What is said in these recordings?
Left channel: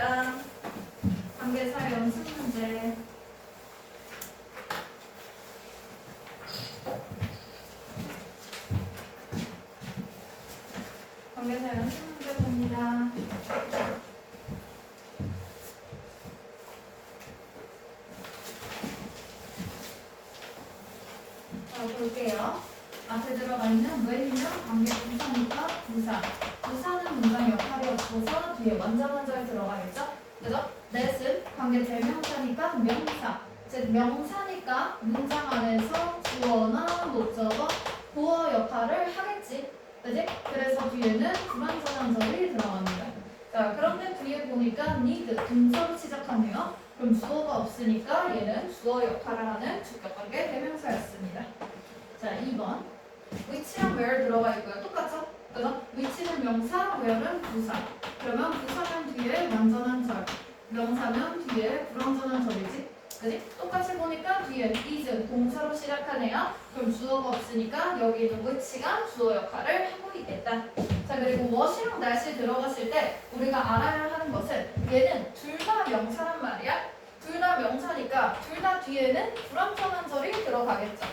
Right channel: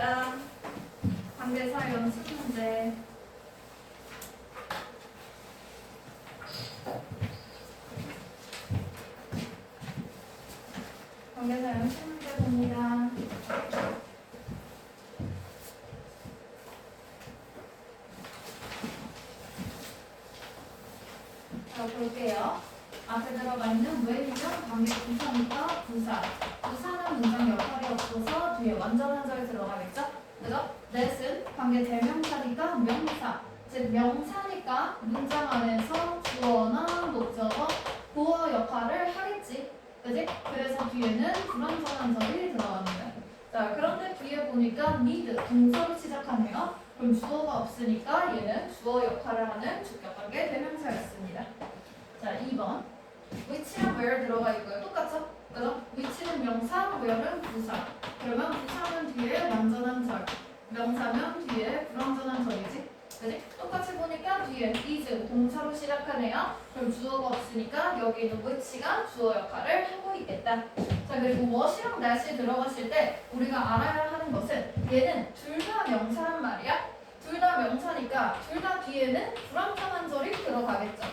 시간입니다. 관계사 연습 문제. 관계사 연습 문제 봅니다. 자, 볼게요. 앞에 들어가 있는 when이면 관계 부사니까 부사. 부사는 문장 역할이 없어서 뒤에 완전한 절 들어가겠죠? 그죠? that은 관계 대명사니까 명사. 즉 명사니까 문장 안에서 주어나 목적어, 보어 역할을 하겠지. 그지? 그래서 뒤에는 불완전한 절이 들어갑니다. 자, 그런데 뒤에 보니까 need, 동사로 시작하네요. 그럼 주어가 없으니까 얘는 주어 역할을 하는 주격관계 대명사였습니다. 자, 2번. which랑 where 들어가 있고요. 똑같죠? 그죠? which는 명사, where는 부사. 그러면 부사는 뒤에 완전한 절, 명사면 뒤에 불완전한 절이지. 그지? 똑같이 보니까 뒤에 is 동사로 시작하네요. 그럼 주어가 없으니까 여기 있는 which가 주어 역할을 하고 있겠다. 자, 그리고 what이랑 that이 들어갔을 때 우리가 알아야 하는 것은 얘는 둘 다 명사란 말이야. 둘 다 명사니까 둘 다 뒤에는 불완전한 절이 들어가겠죠.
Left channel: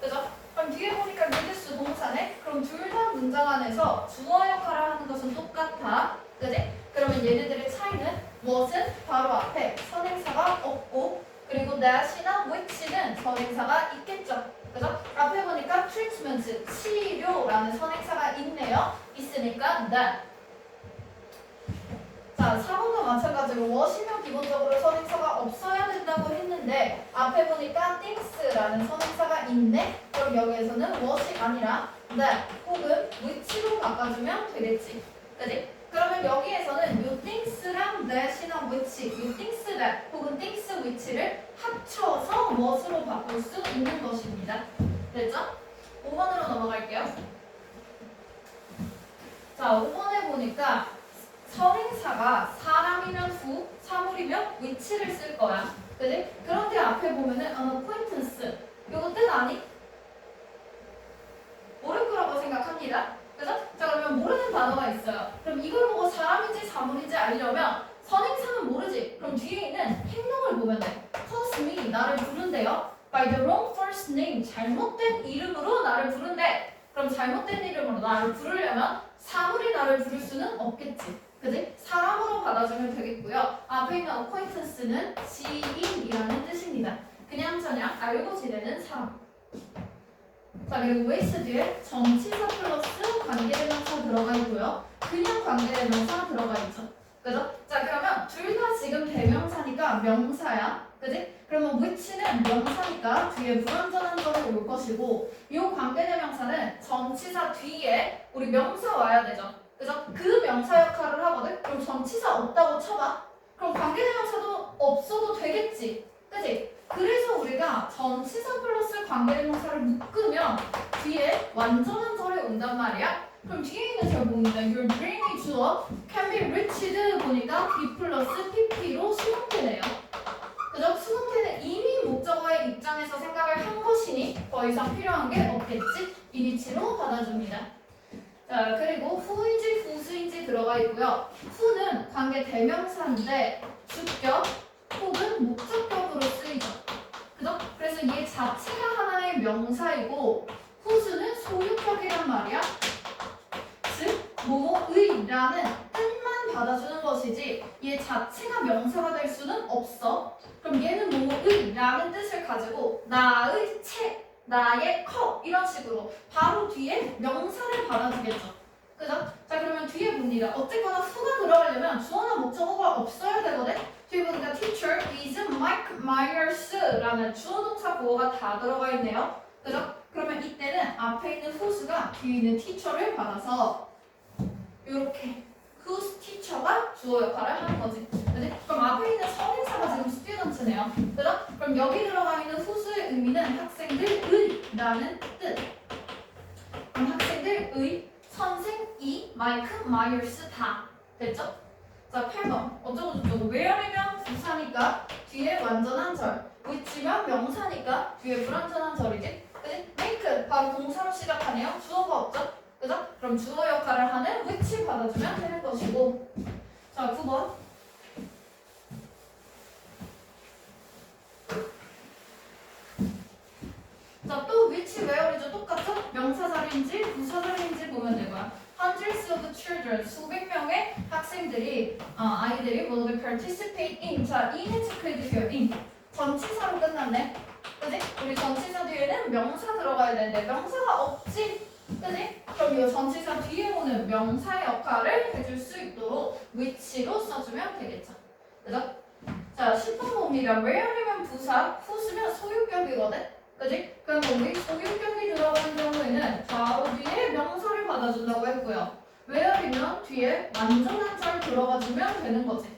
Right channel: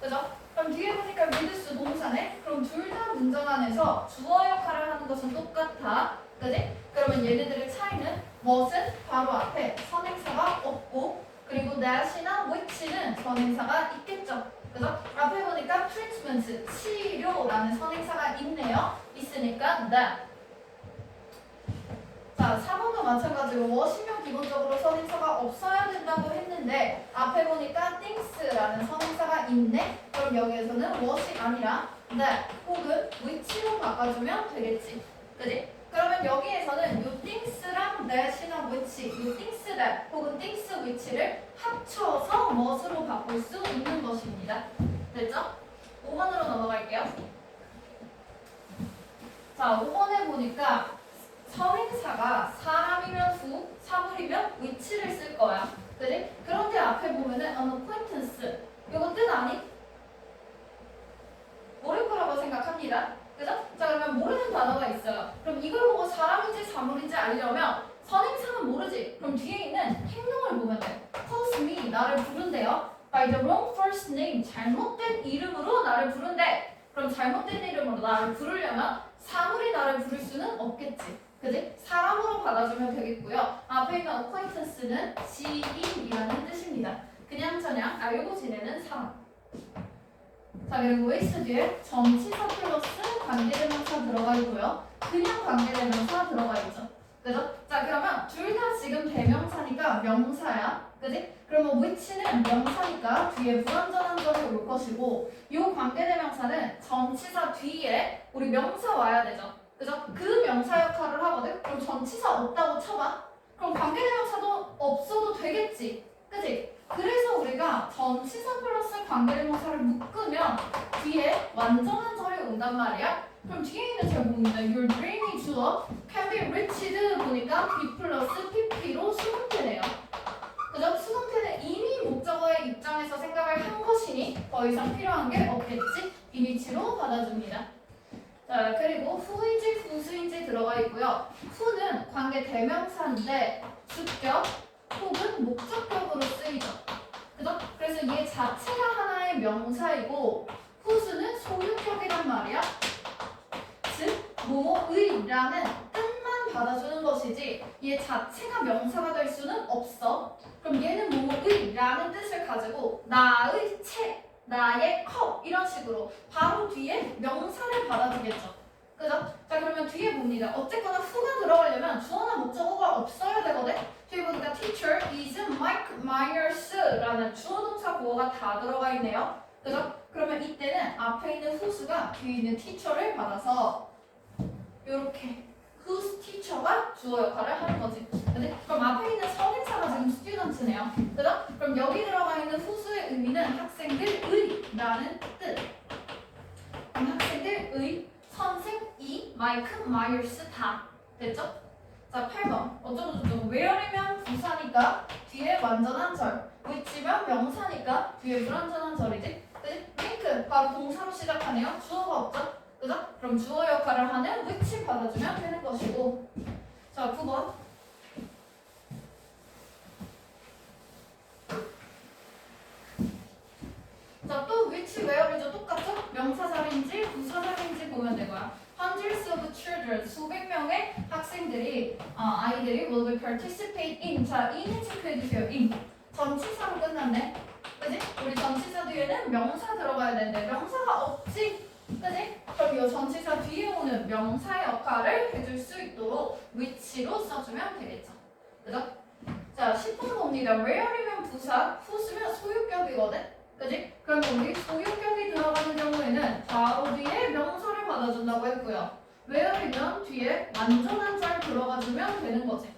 그죠? 그럼 뒤에 보니까 needs 동사네? 그럼 둘 다 문장 안에서 주어 역할을 하는 것은 똑같아. 그지? 그러면 얘네들의 차이는 what은 바로 앞에 선행사가 없고 그리고 that이나 which는 선행사가 있겠죠. 그죠? 앞에 보니까 treatment, 치료라는 선행사가 있네요. 있으니까 that. 자, 4번도 마찬가지로 what이면 기본적으로 선행사가 없어야 된다고 했는데 앞에 보니까 things라는 선행사가 있네? 그럼 여기에서는 what이 아니라 that 혹은 which로 바꿔주면 되겠지. 그지? 그러면 여기에서는 요 things랑 that이나 which, 요 things that 혹은 things which를 합쳐서 what으로 바꿀 수 있는 것입니다. 됐죠? 5번으로 넘어갈게요. 자, 5번에 보니까 선행사가 사람이면 who, 사물이면 which를 쓸 거야. 그지? 그런데 앞에 보면은 an acquaintance 요거 뜻 아니? 모를 거라고 생각합니다. 그죠? 자, 그러면 모르는 단어가 있어요. 그럼 이걸 보고 사람인지 사물인지 알려면 선행사는 모르지. 그럼 뒤에 있는 행동을 보면 돼. calls me, 나를 부른대요. by the wrong first name, 잘못된 이름으로 나를 부른대. 그럼 잘못된 이름으로 나를 부르려면 사물이 나를 부를 수는 없겠지. 그지? 사람으로 받아주면 되겠고요. 앞에 있는 acquaintance는 지인이라는 뜻입니다. 그냥 저냥 알고 지내는 사람. 자, 그리고 waste 뒤에 정치사 플러스 관계대명사 들어가 있고요. 그냥 관계대명사 들어가 있죠. 그죠? 자, 그러면 둘 다 지금 대명사니까 명사야. 그지? 그러면 which는 명사니까 뒤에 불완전한 절이 올 것이고 이 관계대명사는 정치사 뒤에 우리 명사 와야 되죠. 그죠? 그 명사 역할을 하거든? 그럼 전치사 없다고 쳐봐. 그럼 관계대명사도 없어도 되겠지. 그지? 그래서 우리가 전치사 플러스 관계대명사를 묶으면 뒤에 완전한 절이 온단 말이야. 그럼 뒤에 있는 절 봅니다. Your dreamy 주어 can be reached 보니까 be 플러스 pp로 수동태네요. 그죠? 수동태는 이미 목적어의 입장에서 생각을 한 것이니 더 이상 필요한 게 없겠지? 이니치로 받아줍니다. 자, 그리고 who인지 whose인지 들어가 있고요. who는 관계 대명사인데 주격 혹은 목적격으로 쓰이죠. 그죠? 그래서 얘 자체가 하나의 명사이고 whose는 소유격이란 말이야. 즉, 뭐뭐의라는 뜻만 받아주는 것이지 얘 자체가 명사가 될 수는 없어. 그럼 얘는 뭐뭐의라는 뜻을 가지고 나의 책, 나의 컵 이런 식으로 바로 뒤에 명사를 받아주겠죠. 그죠? 자, 그러면 뒤에 봅니다. 어쨌거나 who가 들어가려면 주어나 목적어가 없어야 되거든. 뒤에 보니까 teacher is Mike Myers라는 주어 동사 보어가 다 들어가 있네요. 그죠? 그러면 이때는 앞에 있는 whose가 뒤에 있는 teacher를 받아서 이렇게 whose teacher가 주어 역할을 하는 거지. 그지? 그럼 앞에 있는 선행사가 지금 student네요. 그죠? 그럼 여기 들어가 있는 whose의 의미는 학생들의라는 뜻. 그럼 학생들의, 선생이, 마이크, 마이어스 다. 됐죠? 자, 8번. 어쩌고저쩌고. where이면 부사니까 뒤에 완전한 절. which면 명사니까 뒤에 불완전한 절이지. 그지? make 바로 동사로 시작하네요. 주어가 없죠? 그죠? 그럼 주어 역할을 하는 which 받아주면 되는 것이고. 자, 9번. children 수백 명의 학생들이 아이들이 will be participate in 자 in을 체크해 주세요. in 전치사로 끝났네. 그지? 우리 전치사 뒤에는 명사 들어가야 되는데 명사가 없지. 그지? 그럼 이 전치사 뒤에 오는 명사 역할을 해줄 수 있도록 which로 써주면 되겠죠. 그죠? 자 10번 봅니다. where이면 부사, whose면 소유격이거든. 그지? 그럼 우리 소유격이 들어가는 경우에는 바로 뒤에 명사를 받아준다고 했고요. where이면 뒤에 완전한 절 들어가주면 되는 거지.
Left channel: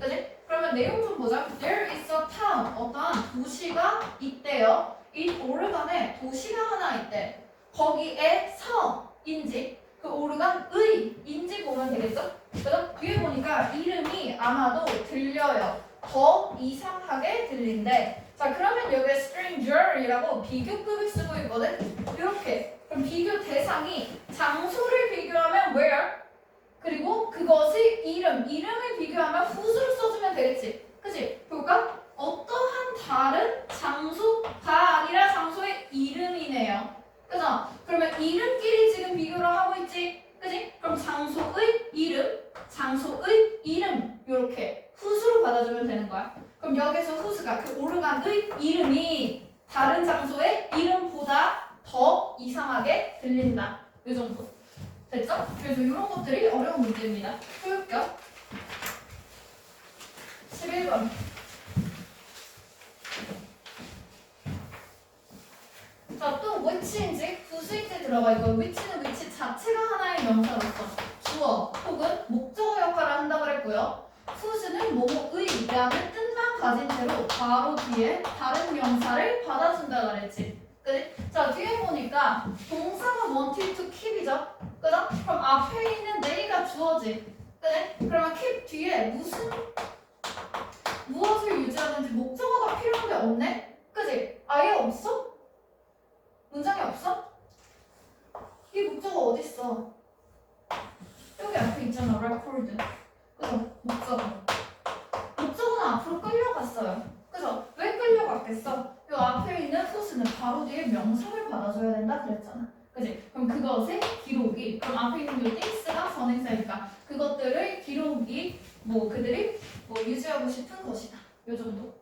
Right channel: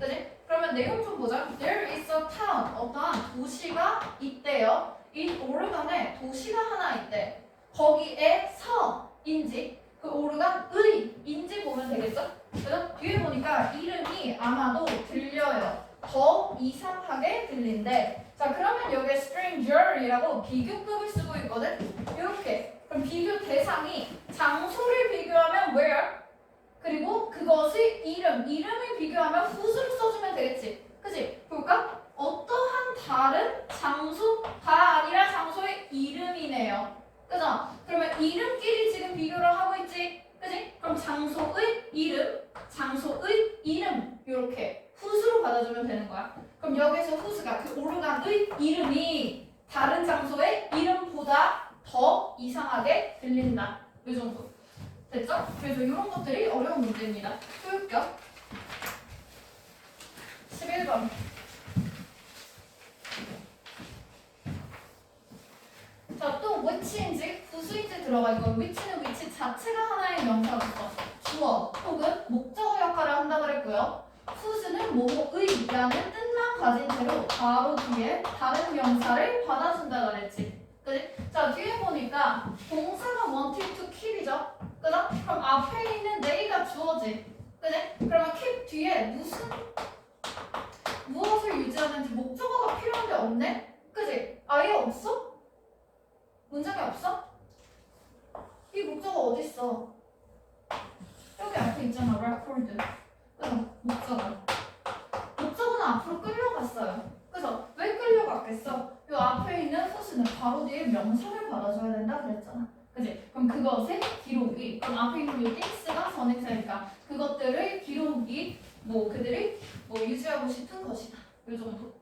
그지? 그러면 내용 좀 보자. There is a town. 어떠한 도시가 있대요. 이 오르간에 도시가 하나 있대. 거기에 서인지 그 오르간의 인지 보면 되겠죠? 그래서 뒤에 보니까 이름이 아마도 들려요. 더 이상하게 들린대. 자 그러면 여기에 stranger이라고 비교급을 쓰고 있거든. 이렇게 그럼 비교 대상이 장소를 비교하면 where 그리고 그것이 이름을 비교하면 whose를 써주면 되겠지. 그치? 볼까? 어떠한 다른 장소가 아니라 장소의 이름이네요. 그죠? 그러면 이름끼리 지금 비교를 하고 있지. 그지? 그럼 장소의 이름 이렇게 whose로 받아주면 되는 거야. 그럼 여기서 whose가 그 오르간의 이름이 다른 장소의 이름보다 더 이상하게 들린다. 이 정도. 됐죠? 그래서 이런 것들이 어려운 문제입니다. 효율격 11번 자, 또 which인지 whose인지 들어가 있고 which는 which 자체가 하나의 명사로서 주어 혹은 목적어 역할을 한다 그랬고요. whose는 뭐뭐의라는 뜻만 가진 채로 바로 뒤에 다른 명사를 받아준다 그랬지. 그래? 자 뒤에 보니까 동사가 wanted to keep이죠. 그죠? 그럼 앞에 있는 they가 주어지. 그래? 그러면 keep 뒤에 무엇을 유지하는지 목적어가 필요한데 없네? 그지? 아예 없어? 문장에 없어? 이 목적어 어딨어? 여기 앞에 있잖아. record. 그죠? 목적어는 앞으로 끌려갔어요. 그죠? 왜 끌려갔겠어? 이 앞에 있는 whose는 바로 뒤에 명사를 받아줘야 된다 그랬잖아. 그지? 그럼 그것의 기록이 그럼 앞에 있는 이 things가 선행사니까 그것들을 기록이 그들이 유지하고 싶은 것이다. 요 정도.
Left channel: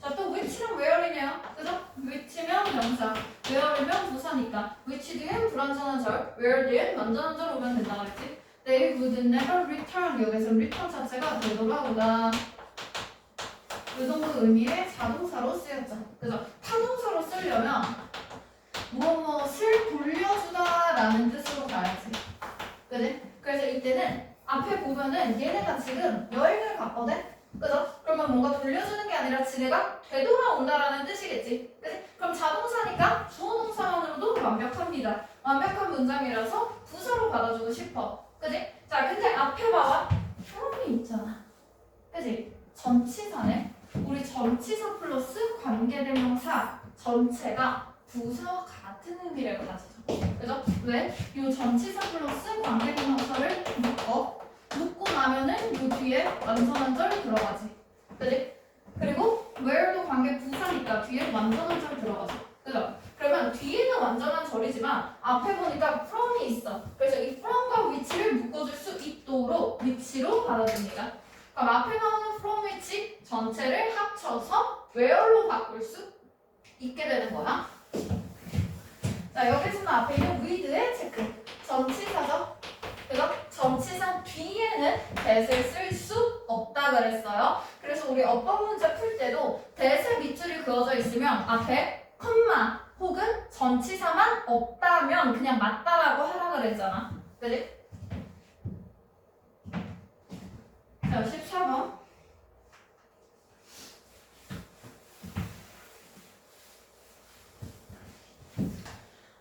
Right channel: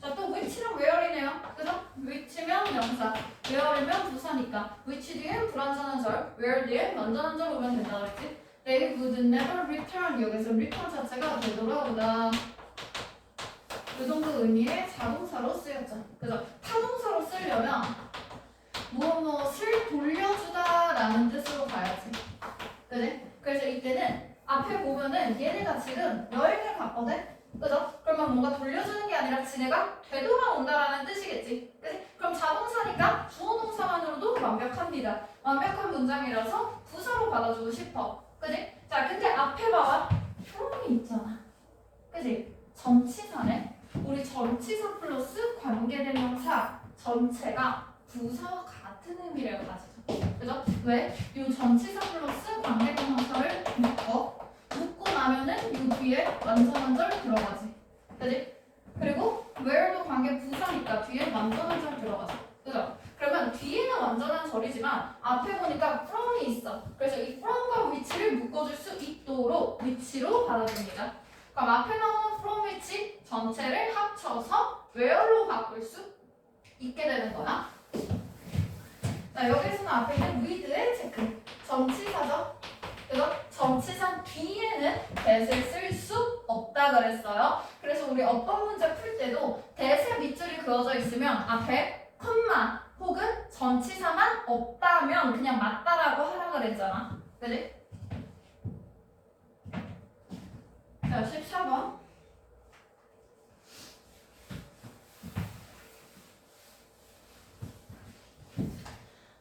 자, 또 which랑 where이네요. 그죠? which면 명사, where이면 부사니까 which 뒤엔 불완전한 절, where 뒤엔 완전한 절 오면 된다 그랬지? They would never return. 여기서 return 자체가 되돌아오다. 이 정도 의미의 자동사로 쓰였죠. 그죠? 타동사로 쓰려면 무엇을 돌려주다라는 뜻으로 가야지. 그지? 그래서 이때는 앞에 보면은 얘네가 지금 여행을 갔거든? 그죠? 그러면 뭔가 돌려주는 게 아니라 지네가 되돌아온다라는 뜻이겠지. 그치? 그럼 자동사니까 주어 동사만으로도 완벽합니다. 완벽한 문장이라서 부사로 받아주고 싶어. 그지? 자, 근데 앞에 봐봐. from이 있잖아. 그지? 전치사네. 우리 전치사 플러스 관계대명사 전체가 부사와 같은 의미를 가지죠. 그죠? 왜? 이 전치사 플러스 관계대명사를 묶고 나면은 이 뒤에 완전한 절 들어가지. 그지? 그리고 where도 관계 부사니까 뒤에 완전한 절 들어가죠. 그죠? 그러면 뒤에는 완전한 절이지만 앞에 보니까 from이 있어. 그래서 이 from과 which를 묶어줄 수 있도록 which로 받아줍니다. 그럼 앞에 나오는 from which 전체를 합쳐서 where로 바꿀 수 있게 되는 거야. 자, 여기서는 앞에 있는 with의 체크. 전치사죠? 그죠? 전치사 뒤에는 that을 쓸 수 없다 그랬어요. 그래서 우리 어떤 문제 풀 때도 that의 밑줄이 그어져 있으면 앞에 콤마 혹은 전치사만 없다면 그냥 맞다라고 하라 그랬잖아. 그지? 자, 14번.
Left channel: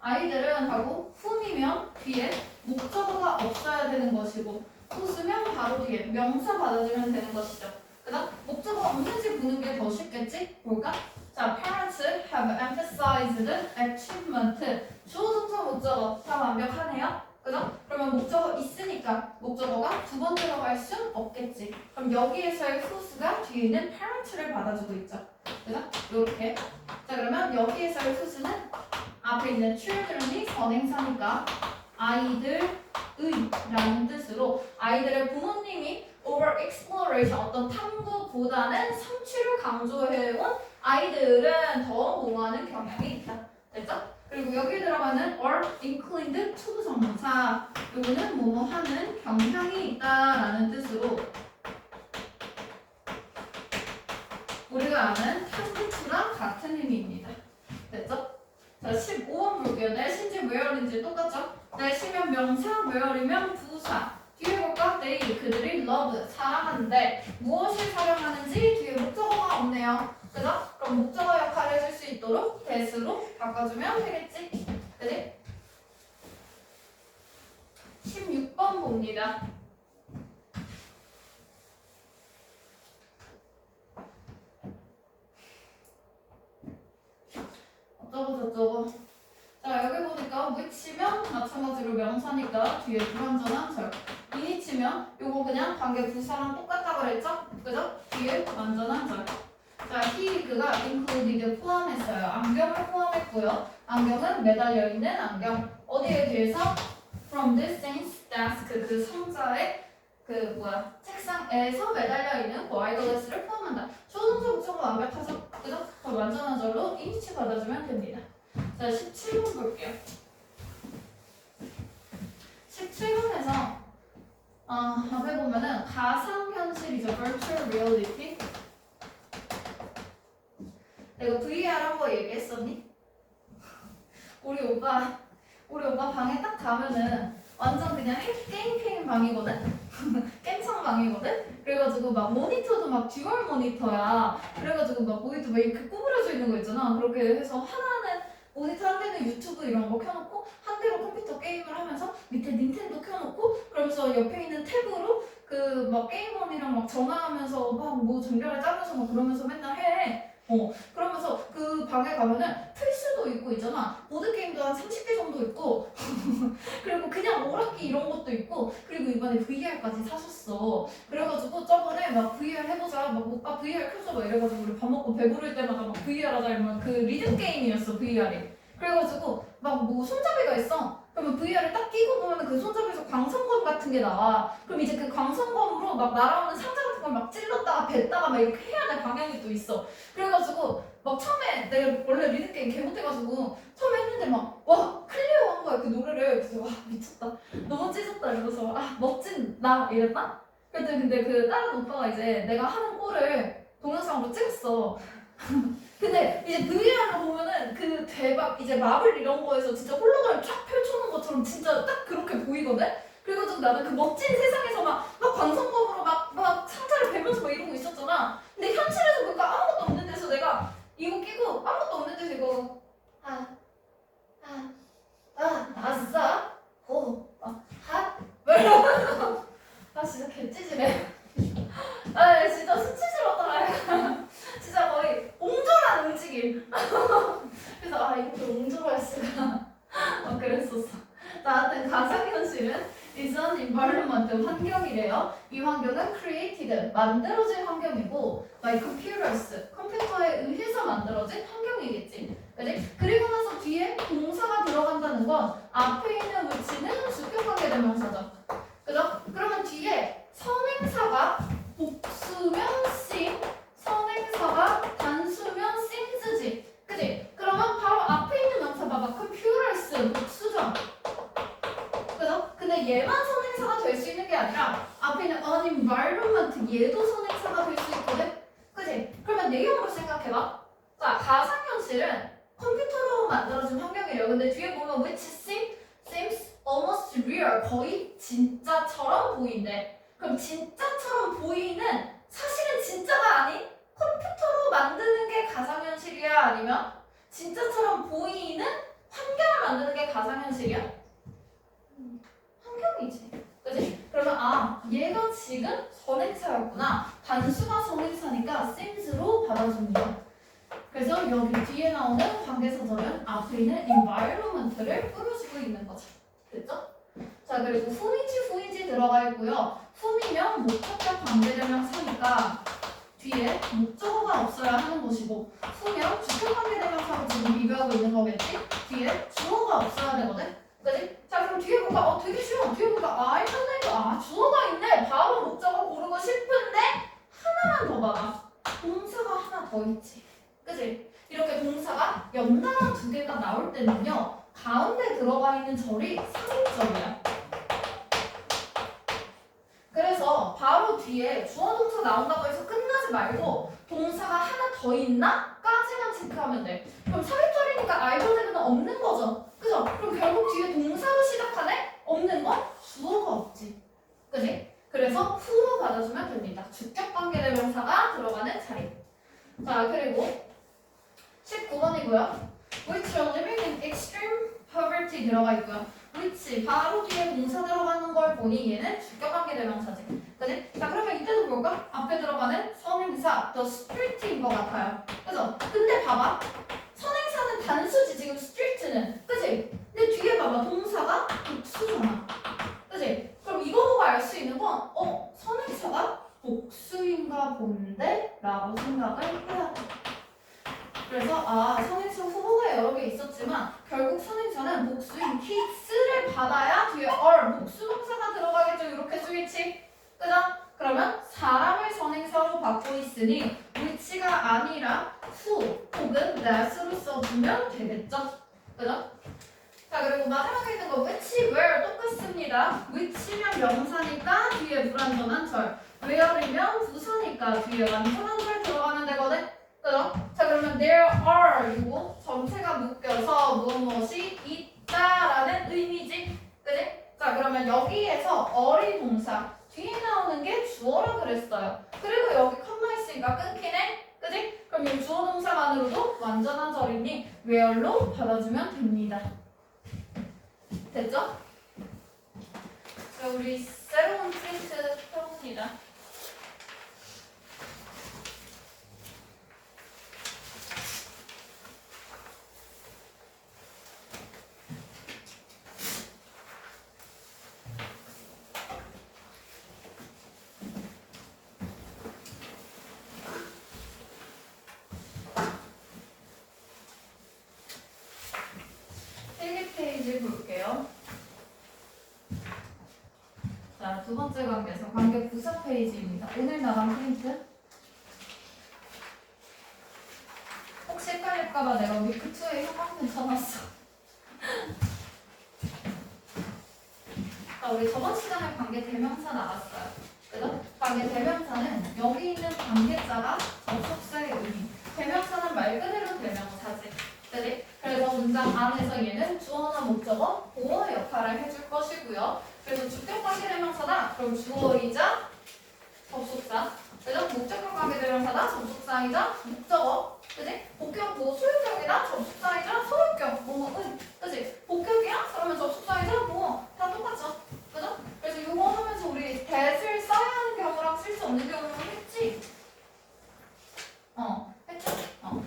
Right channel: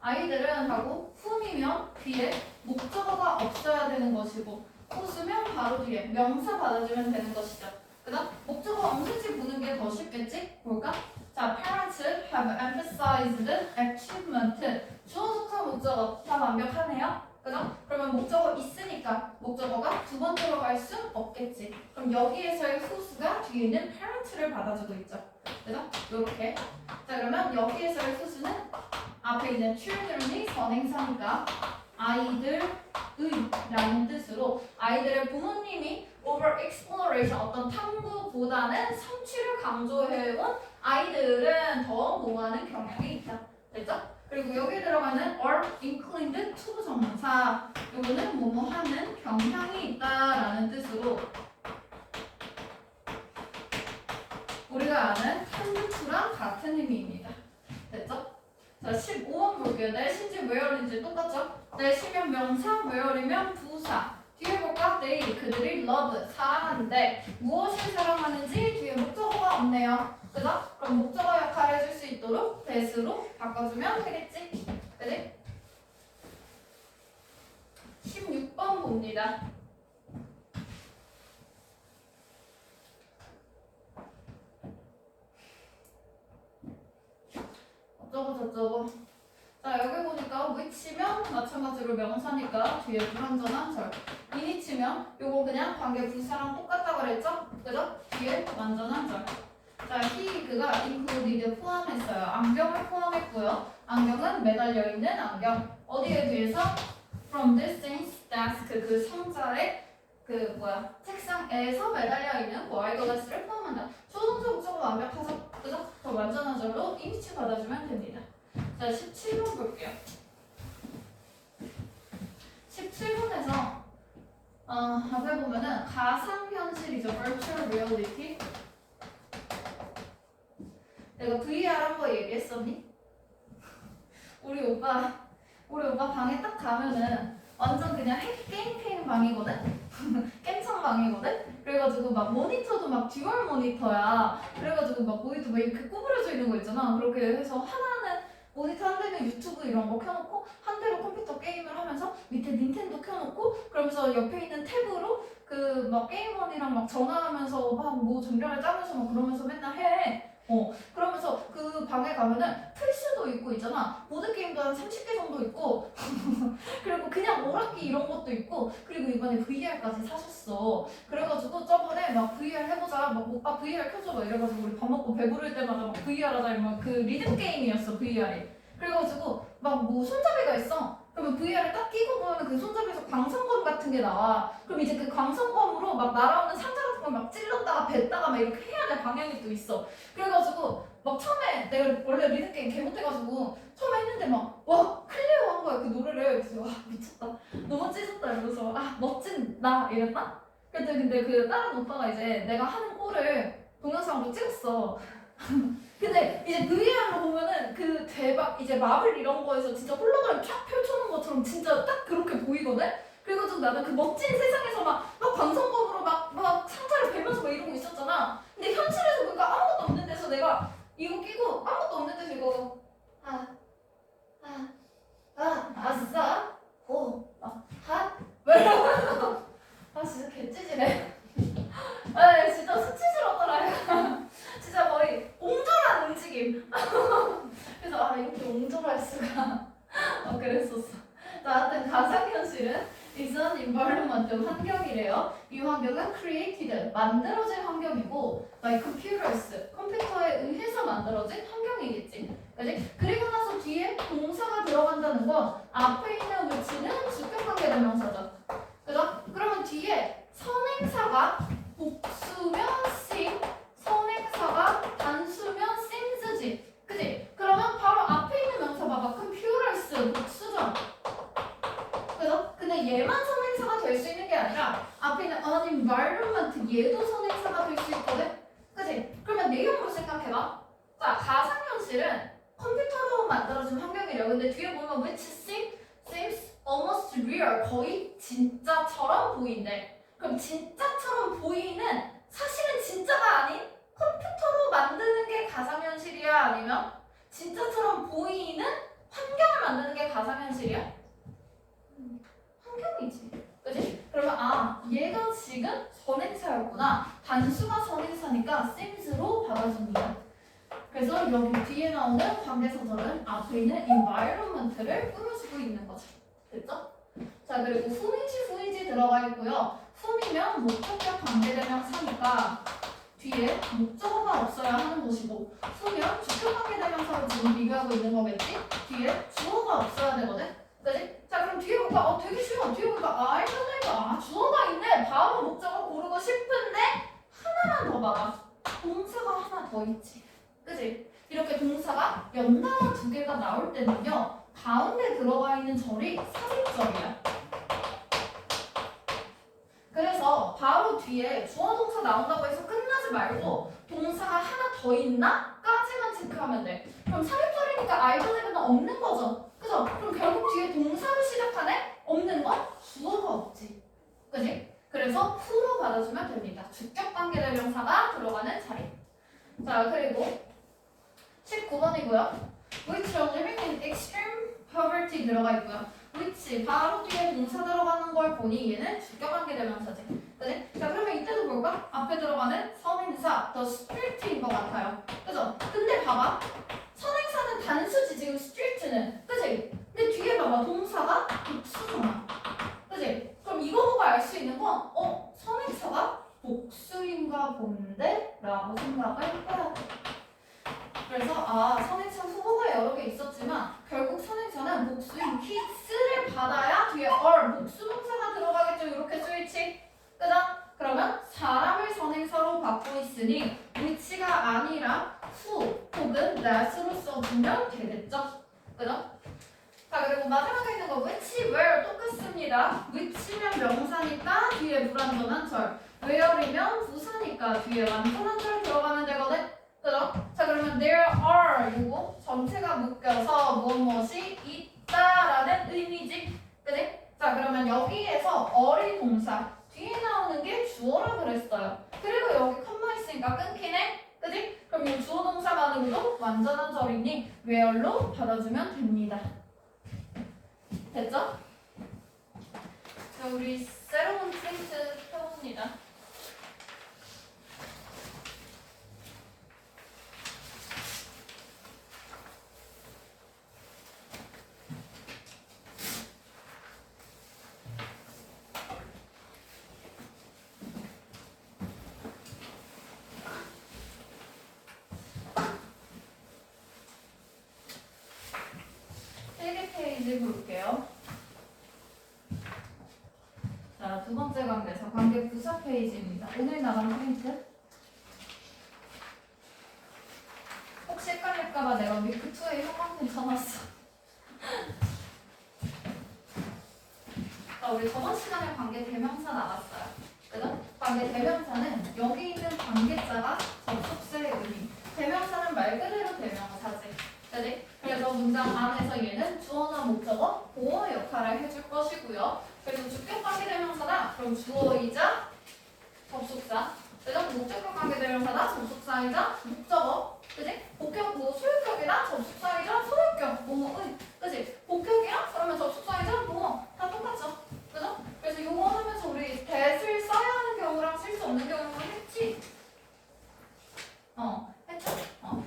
아이들은 하고 whom이면 뒤에 목적어가 없어야 되는 것이고 whose면 바로 뒤에 명사 받아주면 되는 것이죠. 그다음 목적어 없는지 보는 게 더 쉽겠지? 볼까? 자, parents have emphasized achievement. 주어 동사 목적어 다 완벽하네요. 그죠? 그러면 목적어 있으니까 목적어가 두 번 들어갈 순 없겠지. 그럼 여기에서의 whose가 뒤에 있는 parent를 받아주고 있죠. 그죠? 요렇게. 자, 그러면 여기에서의 whose는 앞에 있는 children이 선행사니까 아이들의라는 뜻으로 아이들의 부모님이 over exploration 어떤 탐구보다는 성취를 강조해온 아이들은 더 뭐하는 경향이 있다. 됐죠? 그리고 여기 들어가는 are inclined to 부정사 요거는 뭐뭐 하는 경향이 있다라는 뜻으로 우리가 아는 탐구랑 같은 의미입니다. 됐죠? 자, 15번 볼게요. 내신지 where인지 똑같죠? 내시면 명사, where이면 부사. 뒤에 볼까? they, 그들이 love, 사랑하는데 무엇을 사랑하는지 뒤에 목적어가 없네요. 그죠? 그럼 목적어 역할을 해줄 수 있도록 that으로 바꿔주면 되겠지? 그지? 16번 봅니다. 어쩌고 저쩌고. 자, 여기 보니까 which면 마찬가지로 명사니까 뒤에 불완전한 절. in이치면 요거 그냥 관계 부사랑 똑같다 그랬죠? 그죠? 뒤에 완전한 절. 자, he 그가 included 포함했어요. 안경을 포함했고요. 안경은 매달려 있는 안경. 어디에 뒤에서? From this thing's desk 그 상자의 책상에서 매달려 있는 그 아이글래스를 포함한다. 조동사 목적어 완벽하죠? 그죠? 더 완전한 절로 인치 받아주면 됩니다. 자, 17번 볼게요. 17번에서 앞에 보면은 가상현실이죠. virtual reality. 내가 VR 한 거 얘기했었니? 우리 오빠 방에 딱 가면은 완전 그냥 게임 방이거든? 깸창 방이거든? 그래가지고 막 모니터도 막 듀얼 모니터야. 그래가지고 막 모니터 막 이렇게 구부려져 있는 거 있잖아. 그렇게 해서 하나는 모니터 한 대는 유튜브 이런 거 켜놓고 한 대로 컴퓨터 게임을 하면서 밑에 닌텐도 켜놓고 그러면서 옆에 있는 탭으로 그 막 게임원이랑 막 전화하면서 막 뭐 전략을 짜면서 막 그러면서 맨날 해. 그러면서 그 방에 가면은 플스도 있고 있잖아. 보드게임도 한 30개 정도 있고 그리고 그냥 오락기 이런 것도 있고 그리고 이번에 VR까지 사셨어. 그래가지고 저번에 막 VR 해보자 막 오빠 VR 켜줘 막 이래가지고 우리 밥 먹고 배부를 때마다 막 VR 하자 이러면 그 리듬 게임이었어 VR이. 그래가지고 막 뭐 손잡이가 있어. 그러면 VR을 딱 끼고 보면 그 손잡이에서 광선검 같은 게 나와. 그럼 이제 그 광선검으로 막 날아오는 상자 같은 걸 막 찔렀다가 뱉다가 막 이렇게 해야 될 방향이 또 있어. 그래가지고 막 처음에 내가 원래 리듬게임 개 못해가지고 처음에 했는데 막 와 클리어 한 거야 그 노래를. 그래서 와 미쳤다 너무 찢었다 이러면서 아 멋진 나 이랬나? 근데 그 다른 오빠가 이제 내가 하는 꼴을 동영상으로 찍었어. 근데 이제 VR로 보면은 그 대박 이제 마블 이런 거에서 진짜 홀로그램 쫙 펼쳐놓은 것처럼 진짜 딱 그렇게 보이거든? 그래가지고 나는 그 멋진 세상에서 막 광선검으로 막 상자를 베면서 막 이러고 있었잖아. 근데 현실에서 보니까 아무것도 없는 데서 내가 이거 끼고 아무것도 없는 데서 이거 아싸 아 진짜 개찌질해. 아 진짜 수치스럽더라. 진짜 거의 옹졸한 움직임. 그래서 이렇게 옹졸할 수가. 그랬었어. 자, 하여튼 가상현실은 is an environment 환경이래요. 이 환경은 created 만들어진 환경이고 by computers 컴퓨터에 의해서 만들어진 환경이겠지. 그지? 그리고 나서 뒤에 동사가 들어간다는 건 앞에 있는 위치는 주격관계 대명사죠. 그죠? 그러면 뒤에 선행사가 복수면 sim, 선행사가 단수면 sims지. 그지? 그러면 바로 앞에 있는 명사 봐봐. computers 복수죠. 그죠? 근데 얘만 선행사가 될 수 있는 게 아니라 앞에 있는 an environment 얘도 선행사가 될 수 있거든? 그지? 그러면 내용을 생각해봐. 자, 가상현실은 컴퓨터로 만들어진 환경이래요. 근데 뒤에 보면 which seems almost real 거의 진짜처럼 보인대. 그럼 진짜처럼 보이는 사실은 진짜가 아닌 컴퓨터로 만드는 게 가상현실이야? 아니면 진짜처럼 보이는 환경을 만드는 게 가상현실이야? 환경이지. 그치? 그러면 얘가 지금 선행사였구나. 단수가 선행사니까 sims로 받아줍니다. 그래서 여기 뒤에 나오는 관계사절은 앞에 있는 environment를 꾸며주고 있는 거죠. 됐죠? 자, 그리고 whom인지 들어가 있고요. whom이면 목적격 관계대명사니까 뒤에 목적어가 없어야 하는 것이고 who면 주격 관계대명사로 지금 비교하고 있는 거겠지? 뒤에 주어가 없어야 되거든? 그치? 자, 그럼 그럼 뒤에 보니까 되게 쉬워. 뒤에 보니까 I 하나니까 주어가 있네. 바로 목적어 고르고 싶은데 하나만 더 봐봐. 동사가 하나 더 있지. 그치? 이렇게 동사가 연달아 두 개가 나올 때는요. 가운데 들어가 있는 절이 삽입절이야. 그래서 바로 뒤에 주어 동사 나온다고 해서 끝나지 말고 동사가 하나 더 있나? 까지만 체크하면 돼. 그럼 삽입절이니까 알고제는 없는 거죠. 그죠? 그럼 결국 뒤에 동사로 시작하네? 없는 건 주어가 없지. 그지? 그래서 후로 받아주면 됩니다. 주격관계대명사가 들어가는 자리. 자, 그리고 19번이고요. Which are living in extreme poverty 들어가 있고요. which 바로 뒤에 동사 들어가는 걸 보니 얘는 주격관계대명사지. 그지? 자, 그러면 이때도 볼까? 앞에 들어가는 선행사 the street인 것 같아요. 그죠? 근데 봐봐. 선행사는 단수지 지금 street는. 그지? 근데 뒤에 봐봐. 동사가 복수잖아. 그지? 그럼 이거 보고 알 수 있는 건 선행사가 복수인가 본데? 라고 생각을 해야 돼. 그래서 선행사 후보가 여러 개 있었지만 결국 선행사는 복수인 kids를 받아야 뒤에 복수 동사가 들어가겠죠. 이렇게 스위치. 그죠? 그러면 사람을 선행사로 받고 있으니 which가 아니라 who 혹은 that으로 써주면 되겠죠. 그죠? 자, 그리고 마지막에 있는 거 which, where 똑같습니다. which면 명사니까 뒤에 불완전한 절, where이면 부사니까 뒤에 완전한 절 들어가면 되거든. 그죠? 자, 그러면 there are 이고 전체가 묶여서 무엇이 있다라는 의미지. 그지? 자, 그러면 여기에서 어린 동사 뒤에 나오는 게 주어라 그랬어요. 그리고 여기 컴마 있으니까 끊기네. 그지? 그럼 이 주어 동사만으로도 완전한 절이니 where로 받아주면 됩니다. 됐죠? 자, 우리 새로운 프린트 펴봅니다. 페이지 볼게요. 자, 두 번째 관계에서 관계 부사 페이지입니다. 오늘 나간 프린트. 혹시 헷갈릴까봐 내가 위크 2에 형광펜 쳐놨어. 자, 우리 저번 시간에 관계 대명사 나왔어요. 그죠? 관계 대명사는 여기 있는 관계자가 접속사의 의미. 대명사는 말 그대로 대명사지. 그지? 그래서 문장 안에서 얘는 주어나 목적어, 보어 역할을 해줄 것이고요. 그래서 주격 관계대명사다. 그럼 주어이자 접속사. 그죠? 목적격 관계대명사다. 접속사이자 목적어. 그지? 복격 소유격이나 접속사이자 소유격. 그지? 복격이야? 그러면 접속사이자 다 똑같죠. 그죠? 그래서 이거 하면서 우리 that을 써야 하는 경우랑 쓸 수 없는 경우는 했지. 했죠?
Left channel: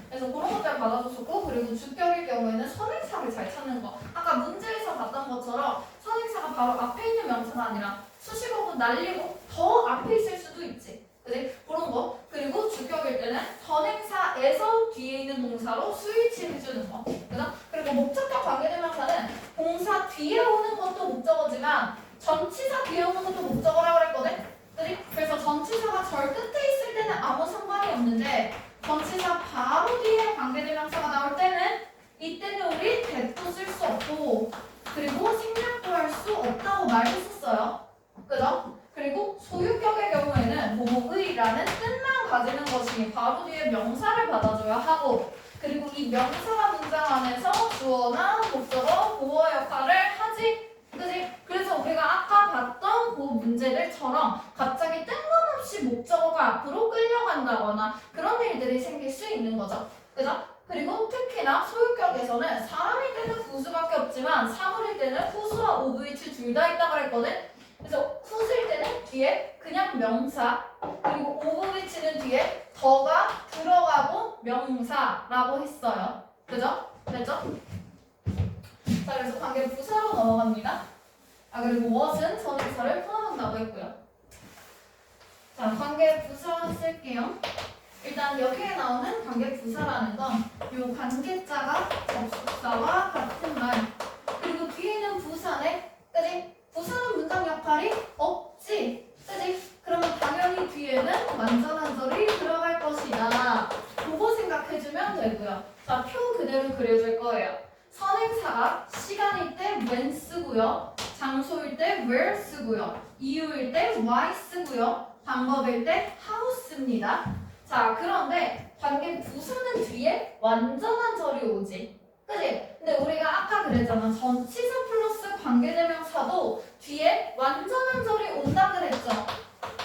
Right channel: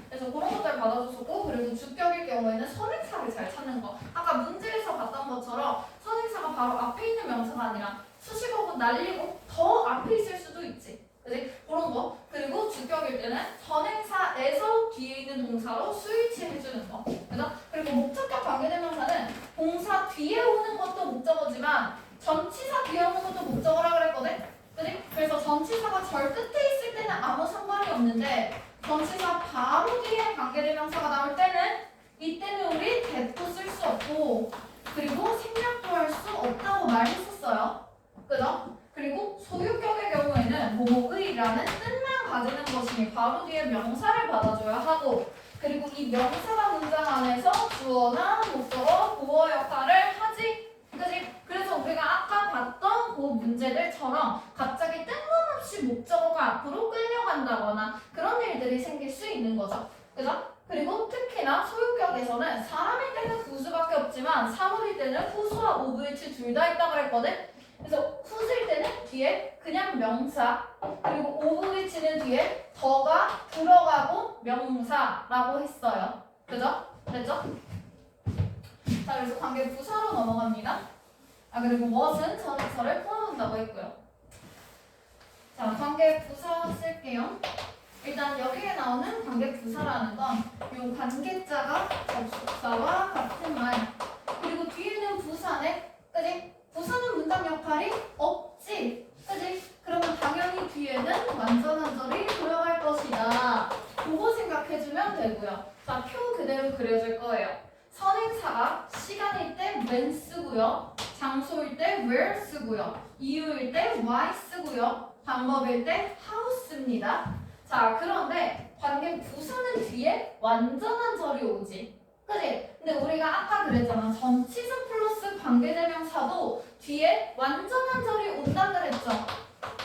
그래서 그런 것들 받아줬었고, 그리고 주격일 경우에는 선행사를 잘 찾는 거. 아까 문제에서 봤던 것처럼 선행사가 바로 앞에 있는 명사가 아니라 수식어고 날리고 더 앞에 있을 수도 있지. 그지? 그런 거. 그리고 주격일 때는 선행사에서 뒤에 있는 동사로 스위치 해주는 거. 그죠? 그리고 목적격 관계대명사는 동사 뒤에 오는 것도 목적어지만 전치사 뒤에 오는 것도 목적어라고 그랬거든? 그지? 그래서 전치사가 절 끝에 있을 때는 아무 상관이 없는데 전치사 바로 뒤에 관계대명사가 나올 때는 이때는 우리 that도 쓸 수 없고 그리고 생략도 할 수 없다고 말했었어요. 그죠? 그리고 소유격의 경우에는 뭐뭐의라는 뜻만 가지는 것이니 바로 뒤에 명사를 받아줘야 하고 그리고 이 명사와 문장 안에서 주어나 목적어, 보어 역할을 하지. 그지? 그래서 우리가 아까 봤던 그 문제들처럼 갑자기 뜬금없이 목적어가 앞으로 끌려간다거나 그런 일들이 생길 수 있는 거죠. 그죠? 그리고 특히나 소유격에서는 사람일 때는 후수밖에 없지만 사물일 때는 후수와 OVH 둘 다 있다고 그랬거든? 그래서 후수일 때는 뒤에 그냥 명사 그리고 OVH는 뒤에 더가 들어가고 명사라고 했어요. 그죠? 됐죠? 자, 그래서 관계 부사로 넘어갑니다. 그리고 what은 전치사를 포함한다고 했고요. 자, 관계 부사 쓸게요. 일단 여기에 나오는 관계 부사라는 건 이 관계자가 접속사와 같은 말 그리고 뒤에는 부사네 뒤에는 완전한 절이 들어갈 것이다. 그거 생각해주면 되고요. 자, 표 그대로 그려줄 거예요. 선행사가 시간일 때 when 쓰고요. 장소일 때 where 쓰고요. 이유일 때 why 쓰고요. 방법일 때 how 씁니다. 자, 그런데 관계 부사는 뒤에 완전한 절이 오지. 그치? 근데 우리가 아까 그랬잖아. 전치사 플러스 관계대명사도 뒤에 완전한 절이 온다 그랬죠.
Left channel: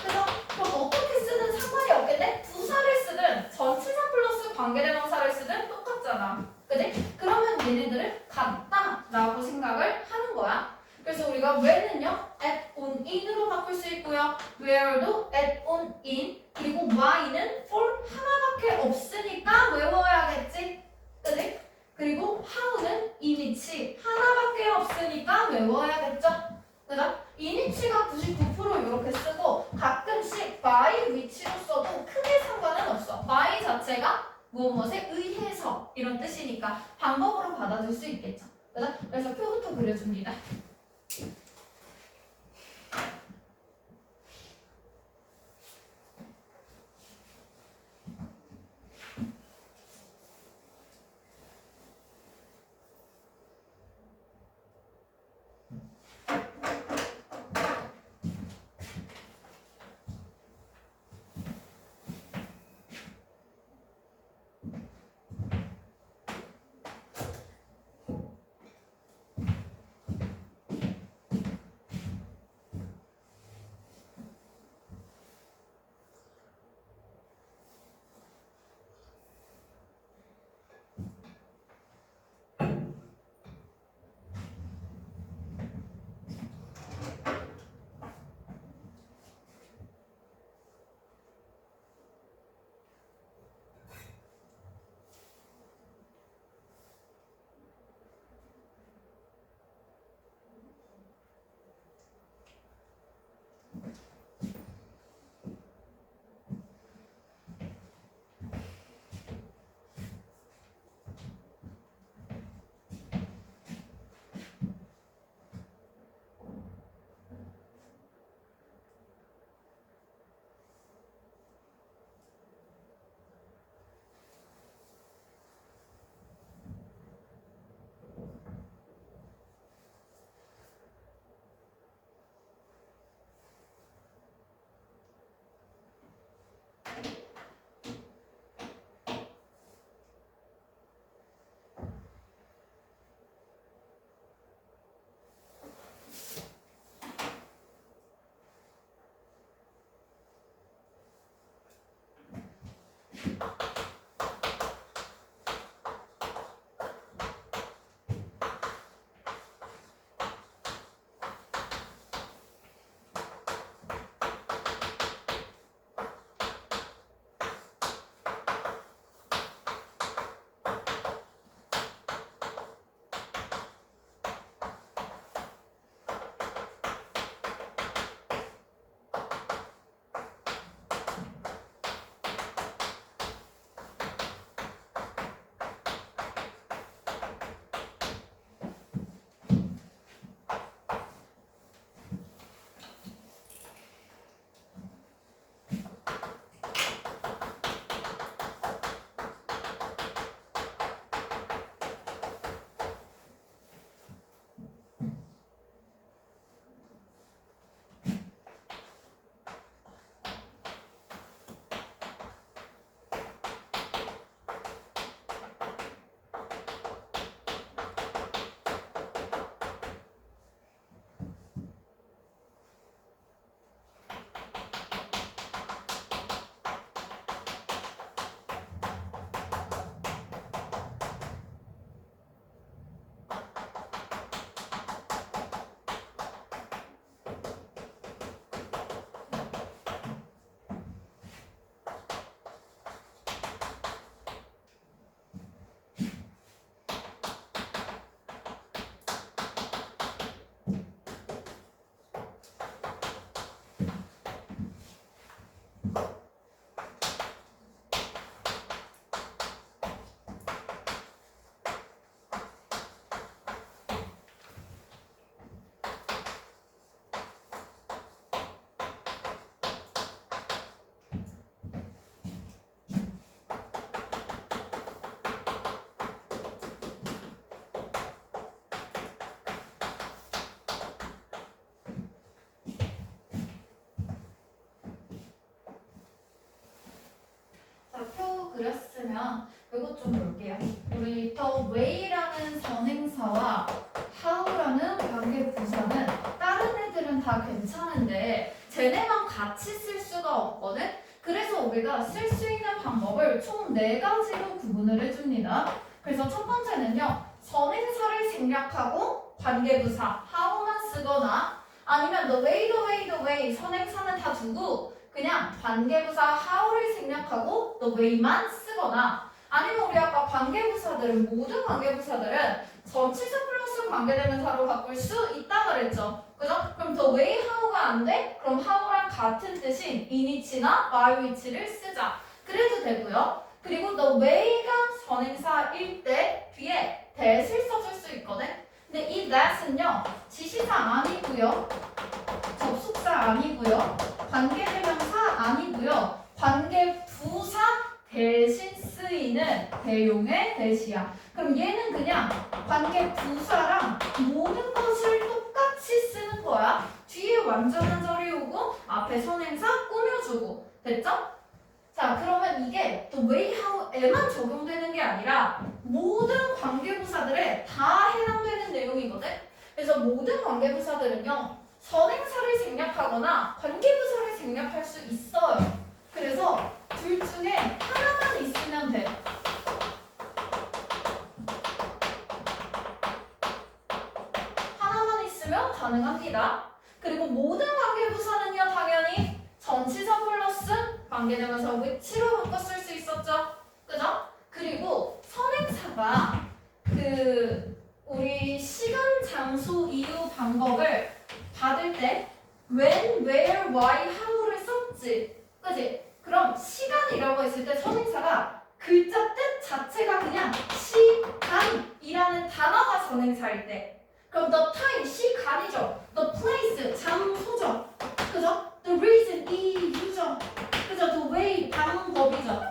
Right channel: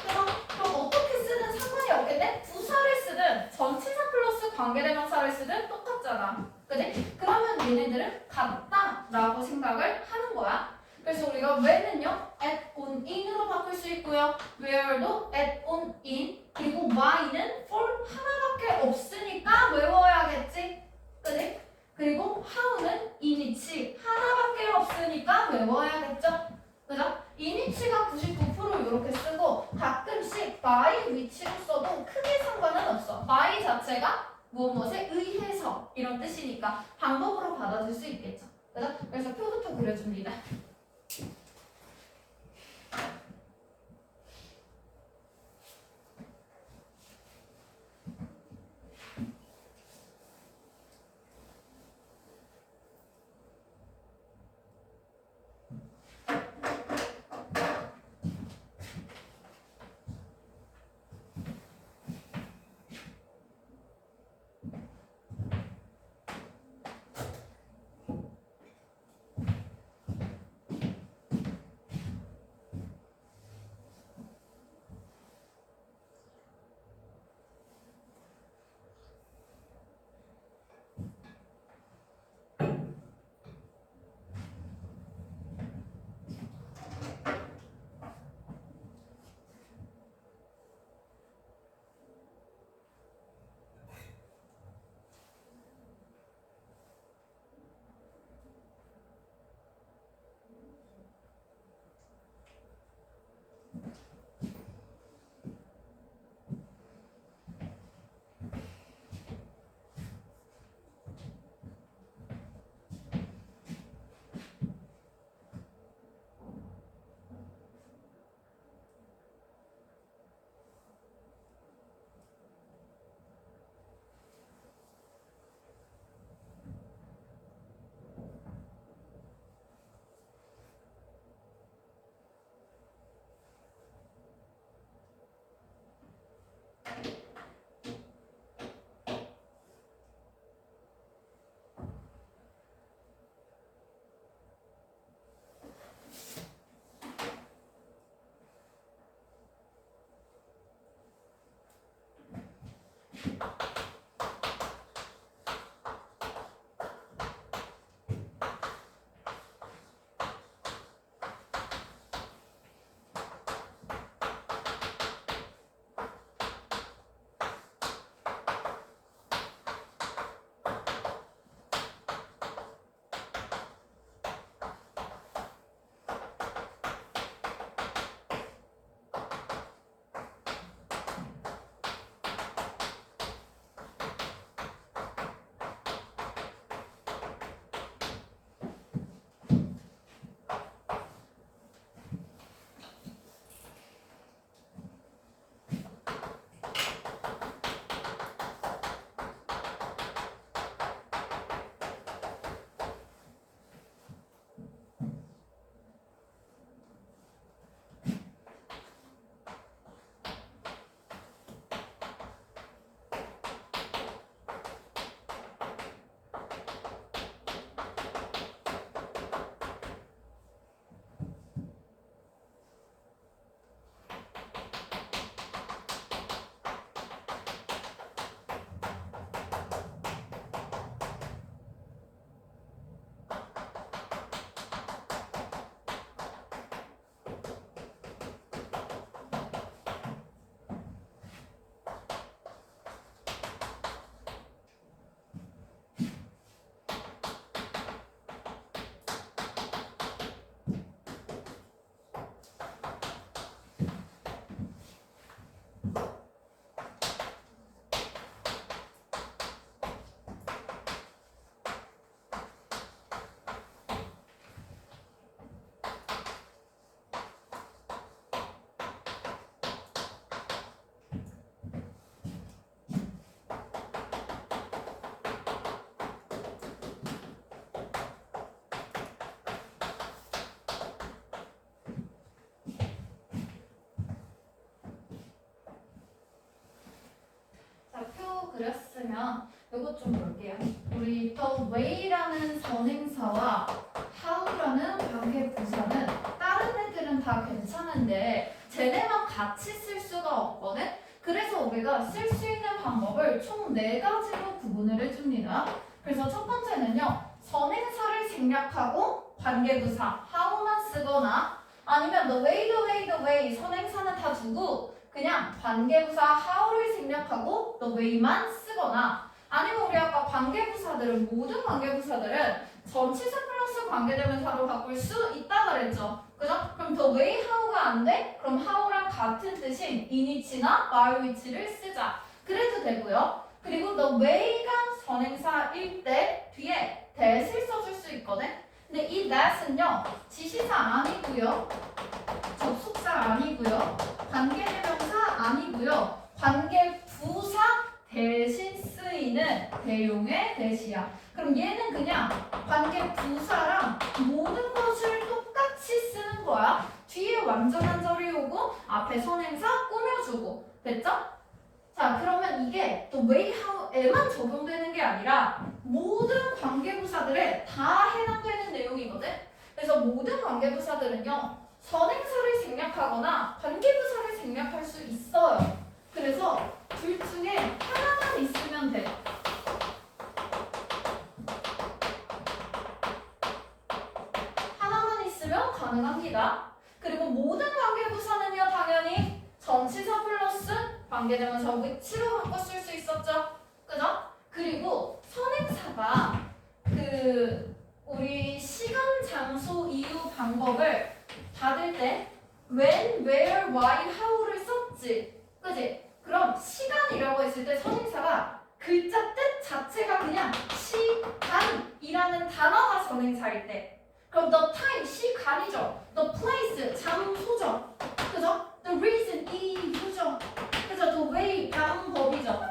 그래서 그럼 어떻게 쓰든 상관이 없겠네? 부사를 쓰든 전치사 플러스 관계대명사를 쓰든 똑같잖아. 그지? 그러면 얘네들은 같다라고 생각을 하는 거야. 그래서 우리가 when은요 at, on, in으로 바꿀 수 있고요. where도 at, on, in. 그리고 why는 for 하나밖에 없으니까 외워야겠지. 그지? 그리고 how는 in이치 하나밖에 없으니까 외워야겠죠. 그죠? in이치가 99% 이렇게 쓰고 가끔씩 by which로 써도 크게 상관은 없어. by 자체가 무엇에 의해서 이런 뜻이니까 방법으로 받아줄 수 있겠죠. 그죠? 그래서 표부터 그려줍니다. 그렸으면 이것 좀 볼게요. 우리 the way라는 선행사와 how라는 관계부사는 다른 애들은 다 괜찮은데 쟤네만 같이 쓸 수가 없거든. 그래서 우리가 쓸 수 있는 방법을 총 4가지로 구분을 해줍니다. 그래서 첫 번째는요. 선행사를 생략하고 관계부사 how만 쓰거나 아니면 the way, the way, the way 선행사는 다 두고 그냥 관계부사 how를 생략하고 the way만 쓰거나 아니면 우리 아까 관계부사들은 모든 관계부사들은 전치사 플러스 관계대명사로 바꿀 수 있다 그랬죠. 그죠? 그럼 the way how가 안 돼? 그럼 how랑 같은 뜻인 in which나 by which를 쓰자. 그래도 되고요. 그리고 the way가 선행사일 때 뒤에 that을 써줄 수 있거든. 근데 이 that은요 지시사 아니고요, 접속사 아니고요, 관계대명사 아니고요, 관계부사 대신 쓰이는 대용의 that이야. 그럼 얘는 그냥 관계부사랑 모든 것을 똑같이 쓰는 거야. 뒤에 완전한 절이 오고 앞에 선행사 꾸며주고. 됐죠? 자, 그러면 이게 또 way, how에만 적용되는 게 아니라 모든 관계부사들에 다 해당되는 내용이거든. 그래서 모든 관계부사들은요 선행사를 생략하거나 관계부사를 생략할 수 있어요. 그래서 둘 중에 하나만 있으면 돼. 하나만 있으면 가능합니다. 그리고 모든 관계부사는요 당연히 전치사 플러스 관계대명사 which로 바꿔 쓸 수 있었죠. 그죠? 그리고 선행사가 우리 시간, 장소, 이유, 방법을 받을 때 when, where, why, how를 썼지. 그지? 그럼 시간이라고 했을 때 선행사가 글자 뜻 자체가 그냥 시간이라는 단어가 선행사일 때 그럼 the time, 시간이죠. the place, 장소죠. 그죠? the reason, 이유죠. 그죠? the way, 방법이죠.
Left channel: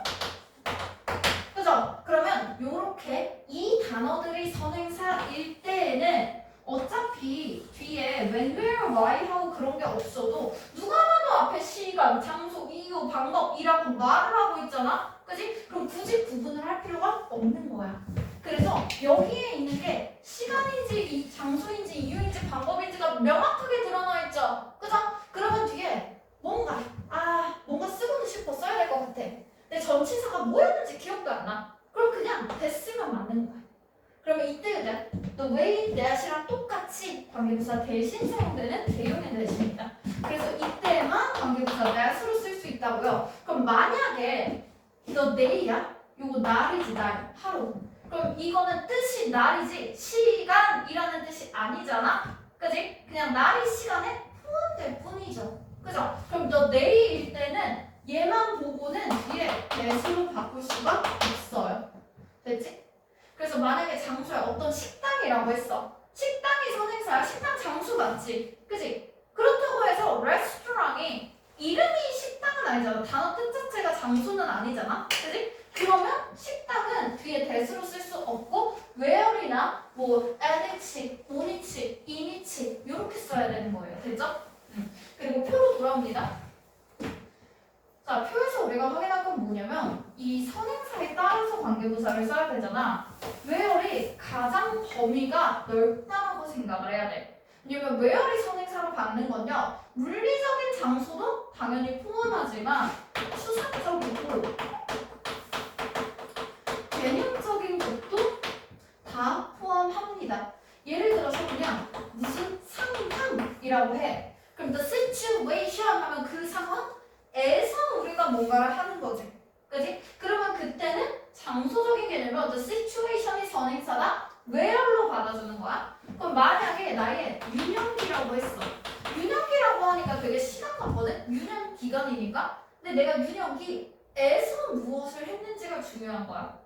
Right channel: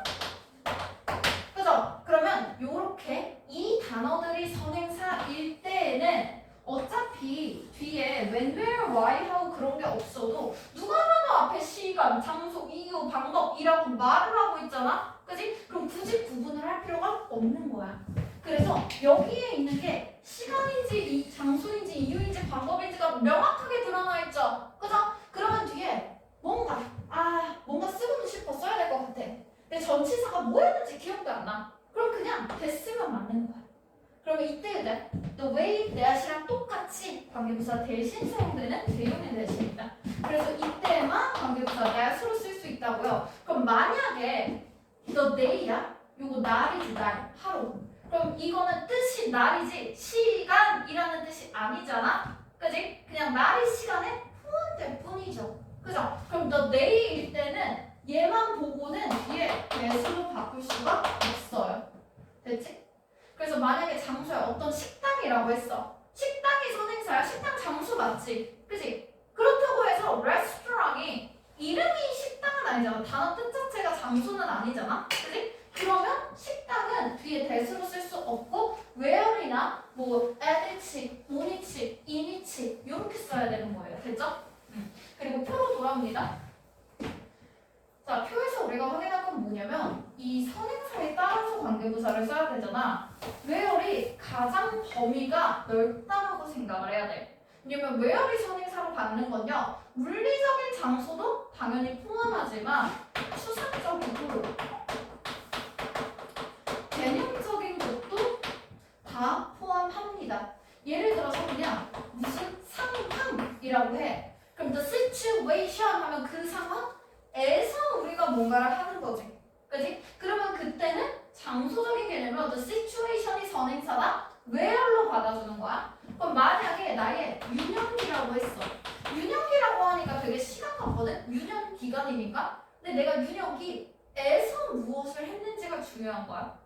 그죠? 그러면 요렇게 이 단어들이 선행사일 때에는 어차피 뒤에 when, where, why, how 그런 게 없어도 누가 봐도 앞에 시간, 장소, 이유, 방법이라고 말을 하고 있잖아. 그지? 그럼 굳이 구분을 할 필요가 없는 거야. 그래서 여기에 있는 게 시간인지 장소인지 이유인지 방법인지가 명확하게 드러나 있죠. 그죠? 그러면 뒤에 뭔가 쓰고는 싶어 써야 될 것 같아. 근데 전치사가 뭐였는지 기억도 안 나. 그럼 그냥 됐으면 맞는 거야. 그러면 이때 the way, that이랑 똑같이 관계부사 대신 사용되는 대용의 that입니다. 그래서 이때만 관계부사 that으로 쓸 수 있다고요. 그럼 만약에 the day야? 요거 날이지 날, 하루. 그럼 이거는 뜻이 날이지 시간이라는 뜻이 아니잖아. 그지? 그냥 날이 시간에 포함될 뿐이죠. 그죠? 그럼 the day일 때는 얘만 보고는 뒤에 that으로 바꿀 수가 없어요. 됐지? 그래서 만약에 장소에 어떤 식당이라고 했어. 식당이 선행사야. 식당 장소 맞지? 그지? 그렇다고 해서 레스토랑이 이름이 식당은 아니잖아. 단어 뜻 자체가 장소는 아니잖아. 그지? 그러면 식당은 뒤에 that으로 쓸 수 없고 where이나 뭐 at which, on which, in which 이렇게 써야 되는 거예요. 됐죠? 그리고 표로 돌아옵니다. 자, 표에서 우리가 확인할 건 뭐냐면 이 선행사에 따라서 관계부사를 써야 되잖아. where이 가장 범위가 넓다고 생각을 해야 돼. 왜냐면 where이 선행사로 받는 건요 물리적인 장소도 당연히 포함하지만 추상적이고 개념적인 것도 다 포함합니다. 예를 들어서 그냥 무슨 상황이라고 해. 그럼 the situation 하면 그 상황에서 우리가 뭔가를 하는 거지. 그지? 그러면 그때는 장소적인 개념으로 the situation이 선행사다. where로 받아주는 거야. 그럼 만약에 나의 유년기라고 했어. 유년기라고 하니까 되게 시간 같거든? 유년 기간이니까. 근데 내가 유년기에서 무엇을 했는지가 중요한 거야.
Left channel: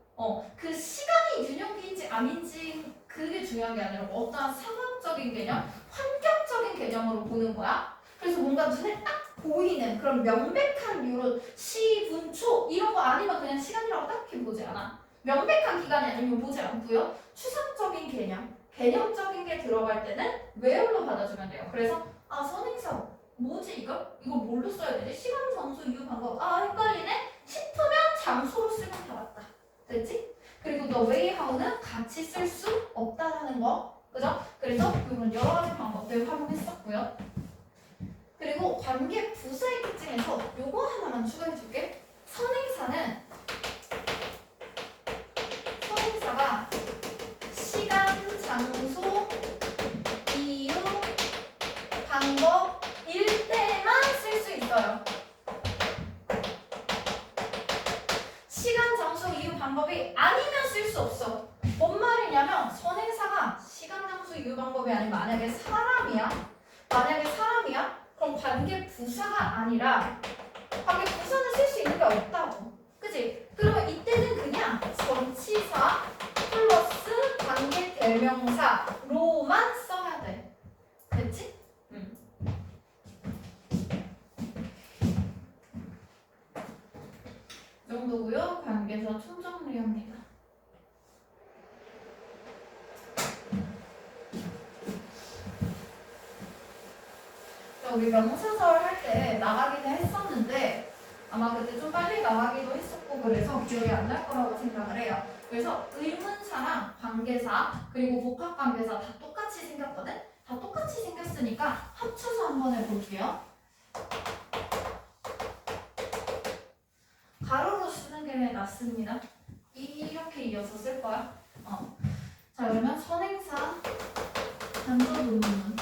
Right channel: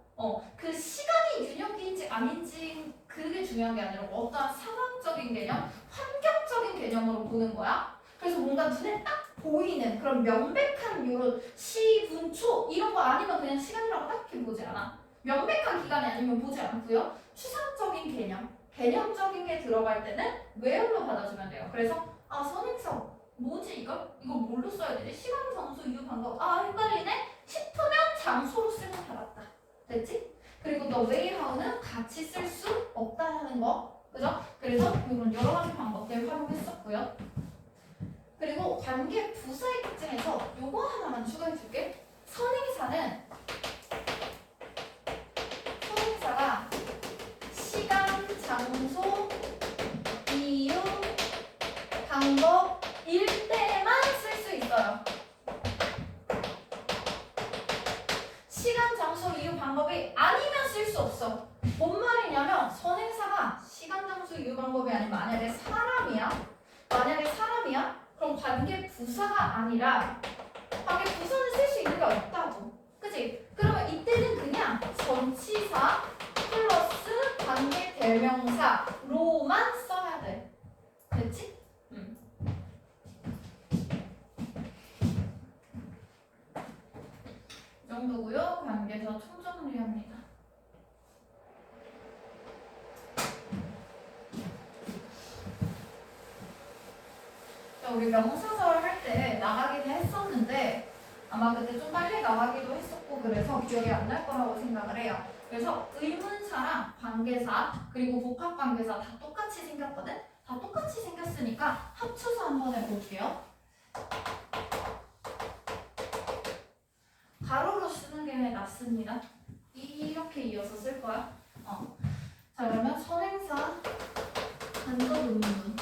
그 시간이 유년기인지 아닌지 그게 중요한 게 아니라 어떠한 상황적인 개념, 환경적인 개념으로 보는 거야. 그래서 뭔가 눈에 딱 보이는 그런 명백한 이런 시, 분, 초 이런 거 아니면 그냥 시간이라고 딱히 보지 않아. 명백한 기간이 아니면 보지 않고요. 추상적인 개념, 개념적인 게 들어갈 때는 where로 받아주면 돼요. 그래서 선행사 뭐지 이거? 이거 뭘로 써야 되지? 시간, 장소, 이유, 방법 헷갈리네? 싶으면 장소로 쓰면 다 맞다. 됐지? 그리고 the way, how는 같이 쓸 수 없다라는 거. 그죠? 그래서 이런 여러 가지 방법들 활용했었고요. 그리고 관계 부사의 특징에서 요거 하나만 추가해 줄게. 선행사가 시간, 장소, 이유, 방법일 때만 쓸 수 있어요. 시간, 장소, 이유, 방법이 아니면 쓸 수 없어. 뭔 말이냐면 선행사가 시간, 장소, 이유, 방법이 아니면 만약에 사람이야. 그럼 관계 부사가 아니라 관계 부사는 쓸 수 있는 게 없다고. 그치? 그러면 이때는 그냥 전치사 플러스 관계 대명사로만 써야 돼. 됐지? 이 정도고요. 관계사 총정리합니다. 우리 명사절 할 때 나가기는 했었는데 아마 그때 좀 빨리 나가기도 했었고 그래서 기억이 안 날 거라고 생각을 해요. 그래서 의문사랑 관계사 그리고 복합관계사 다 똑같이 생겼거든? 다 똑같이 생겼으니까 합쳐서 한번 해볼게요. 가로로 쓰는 게 낫습니다. 이렇게 이어서 쓸 거야. 자 그러면 선행사 간접 의문문.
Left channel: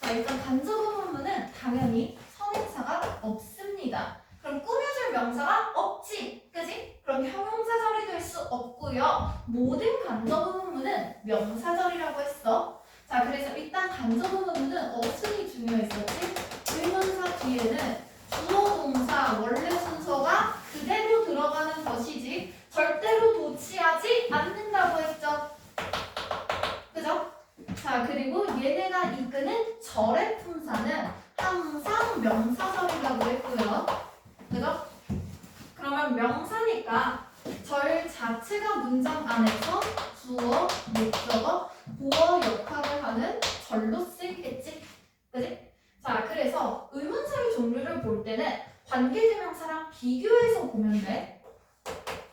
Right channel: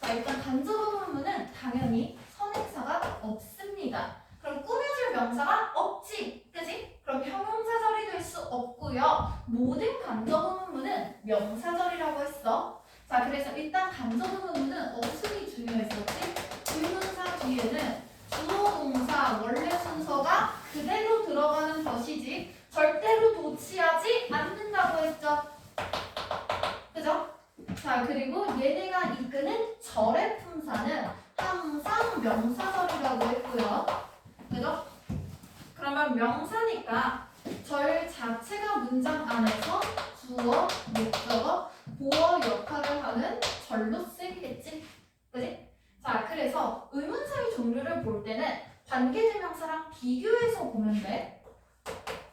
자 일단 간접 의문문은 당연히 선행사가 없습니다. 그럼 꾸며줄 명사가 없지, 그지? 그럼 형용사절이 될 수 없고요. 모든 간접 의문문은 명사절이라고 했어. 자 그래서 일단 간접 의문문은 어순이 중요했었지. 의문사 뒤에는 주어 동사 원래 순서가 그대로 들어가는 것이지 절대로 도치하지 않는다고 했죠. 그죠? 자 그리고 얘네가 이끄는 절의 품사는 항상 명사절이라고 했고요. 그죠? 그러면 명사니까 절 자체가 문장 안에서 주어, 목적어, 보어 역할을 하는 절로 쓰이겠지. 그지? 자 그래서 의문사의 종류를 볼 때는 관계대명사랑 비교해서 보면 돼.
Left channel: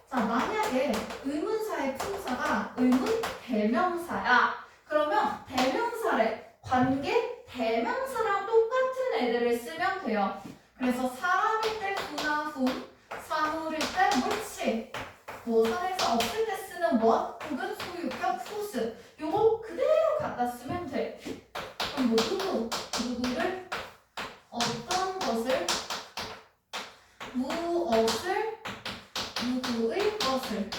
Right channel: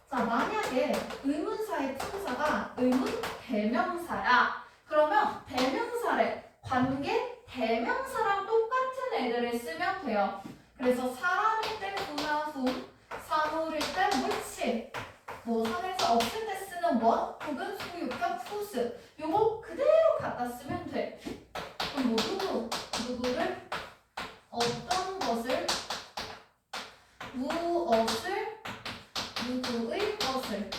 자 만약에 의문사의 품사가 의문대명사야. 그러면 대명사래. 관계 대명사랑 똑같은 애들을 쓰면 돼요. 그래서 사람일 때 who나 whom, 사물일 때 which, 뭐 선에서 없을 때 쓰는 what 혹은 소유격 whose 요거 그대로 갖다 쓰면 돼. 그럼 뭐 누구를 어떤 것을 무엇을 누구의 것을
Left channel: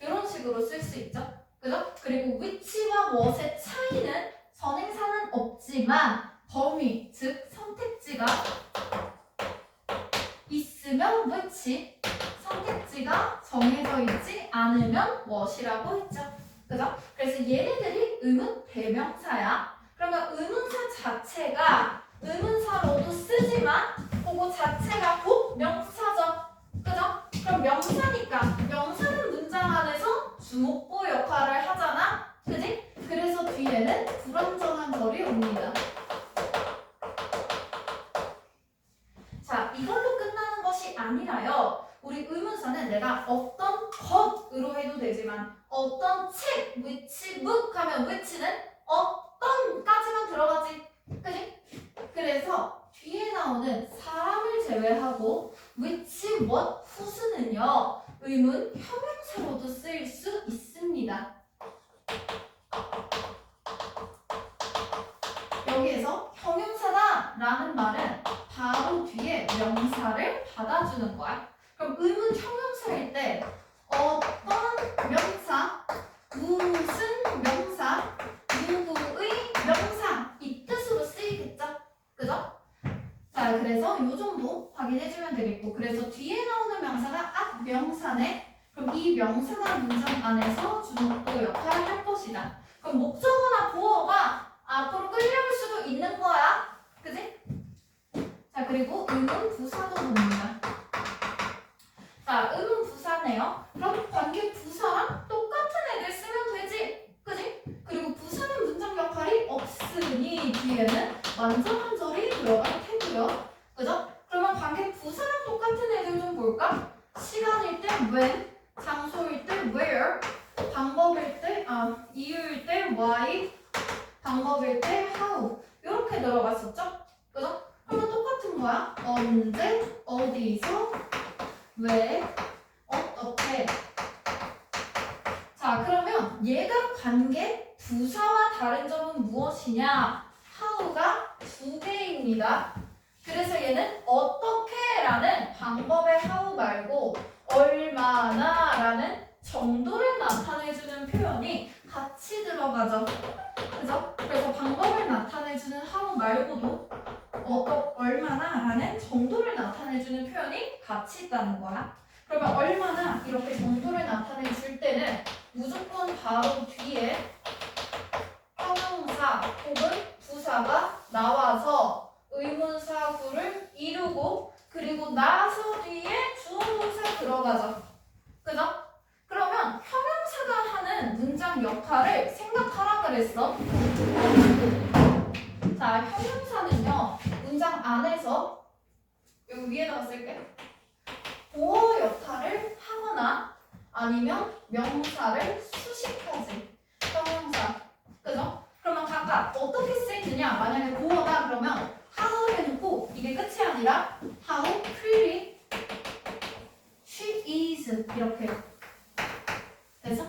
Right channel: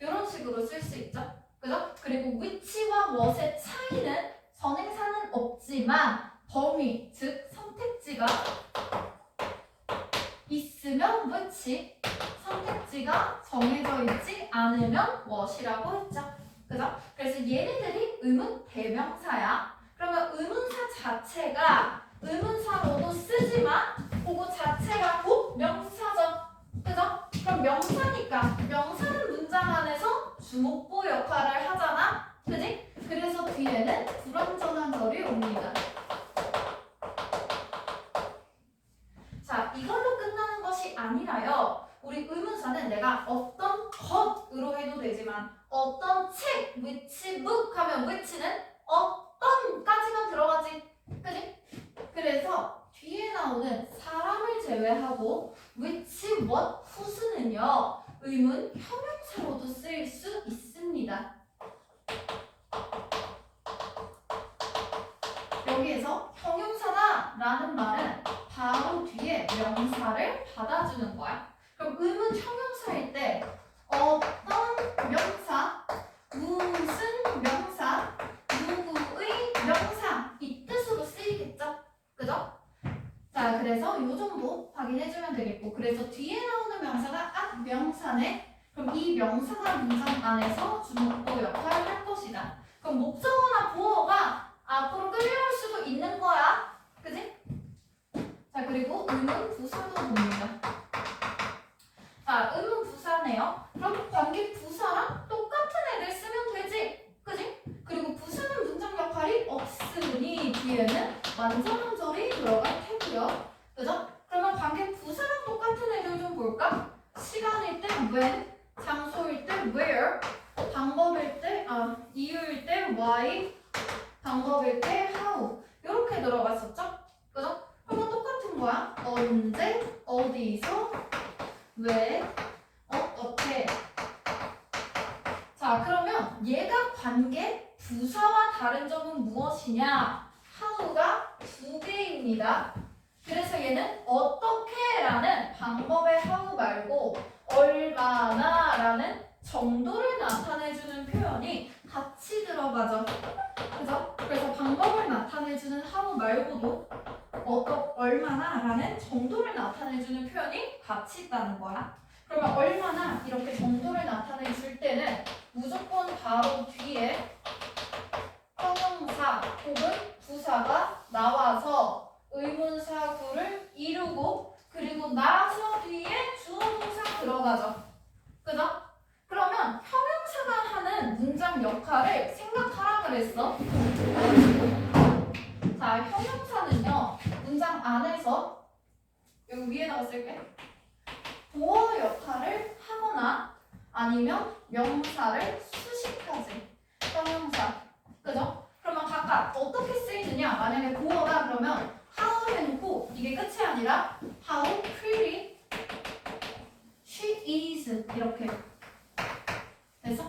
이런 식으로 쓸 수 있죠. 그죠? 그리고 which와 what의 차이는 선행사는 없지만 범위, 즉 선택지가 있으면 which, 선택지가 정해져 있지 않으면 what이라고 했죠. 그죠? 그래서 얘네들이 의문 대명사야. 그러면 의문사 자체가 의문사로도 쓰지만 그거 자체가 곧 명사죠. 그죠? 그럼 명사니까 명사는 문장 안에서 주목보 역할을 하잖아. 그지? 그래서 뒤에는 불완전한 절이 옵니다. 자, 이걸로 끝나는 것이 아니라요. 우리 의문사는 내가 어떤 것으로 해도 되지만 어떤 책, which book 하면 which는 어떤까지만 들어가지. 그지? 그래서 뒤에 나오는 사람을 제외하고 which, what, whose는요. 의문 형용사로도 쓰일 수 있습니다. 여기에서 형용사다 라는 말은 바로 뒤에 명사를 받아주는 거야. 그럼 의문 형용사일 때 어떤 명사, 무슨 명사, 누구의 명사 이 뜻으로 쓰이겠죠? 그죠? 자 그래서 이 정도 확인해주면 되겠고 그래서 뒤에 나오는 명사가 명사네. 그럼 이 명사가 문장 안에서 주목도 역할을 할 것이다. 그럼 목적어나 보어가 앞으로 끌려올 수도 있는 거야. 그지? 자 그리고 의문 부사도 봅니다. 자 의문 부사네요. 그럼 관계 부사랑 똑같은 애들 쓰면 되지. 그지? 그리고 부사는 문장 역할이 없으니 뒤에는 완전한 절이 들어갈 테고요. 그죠? 그러면 관계 부사랑 똑같은 애들 좀 볼까? 시간일 때 when, 장소일 때 where, 방법일 때 이유일 때 why, 방법일 때 how 이렇게 들어갔었죠? 그죠? 그러면 똑같은 거야. 언제, 어디서, 왜, 어떻게. 자, 그러면 얘가 관계 부사와 다른 점은 무엇이냐? how가 두 개입니다. 그래서 얘는 어떻게라는 방법의 how 말고 얼마나라는 정도를 나타내주는 표현이 같이 들어가죠. 그죠? 그래서 방법을 나타내주는 how 말고도 얼마나라는 정도를 나타내주는 표현이 같이 있다는 거야. 그러면 얼마나 이렇게 정도를 나타내줄 때는 무조건 바로 뒤에 형용사 혹은 부사가 나와서 의문사구를 이루고 그리고 나서 뒤에 주어동사 들어가죠. 그죠? 그러면 형용사가 하는 문장 역할을 생각하라 그랬어. 자, 형용사는요. 문장 안에서 여기 위에다가 쓸게. 보어 역할을 하거나 아니면 명사를 수식하지. 형용사. 그죠? 그러면 각각 어떻게 쓰이느냐? 만약에 보어다 그러면 how 해놓고 이게 끝이 아니라 how pretty she is 이렇게 돼서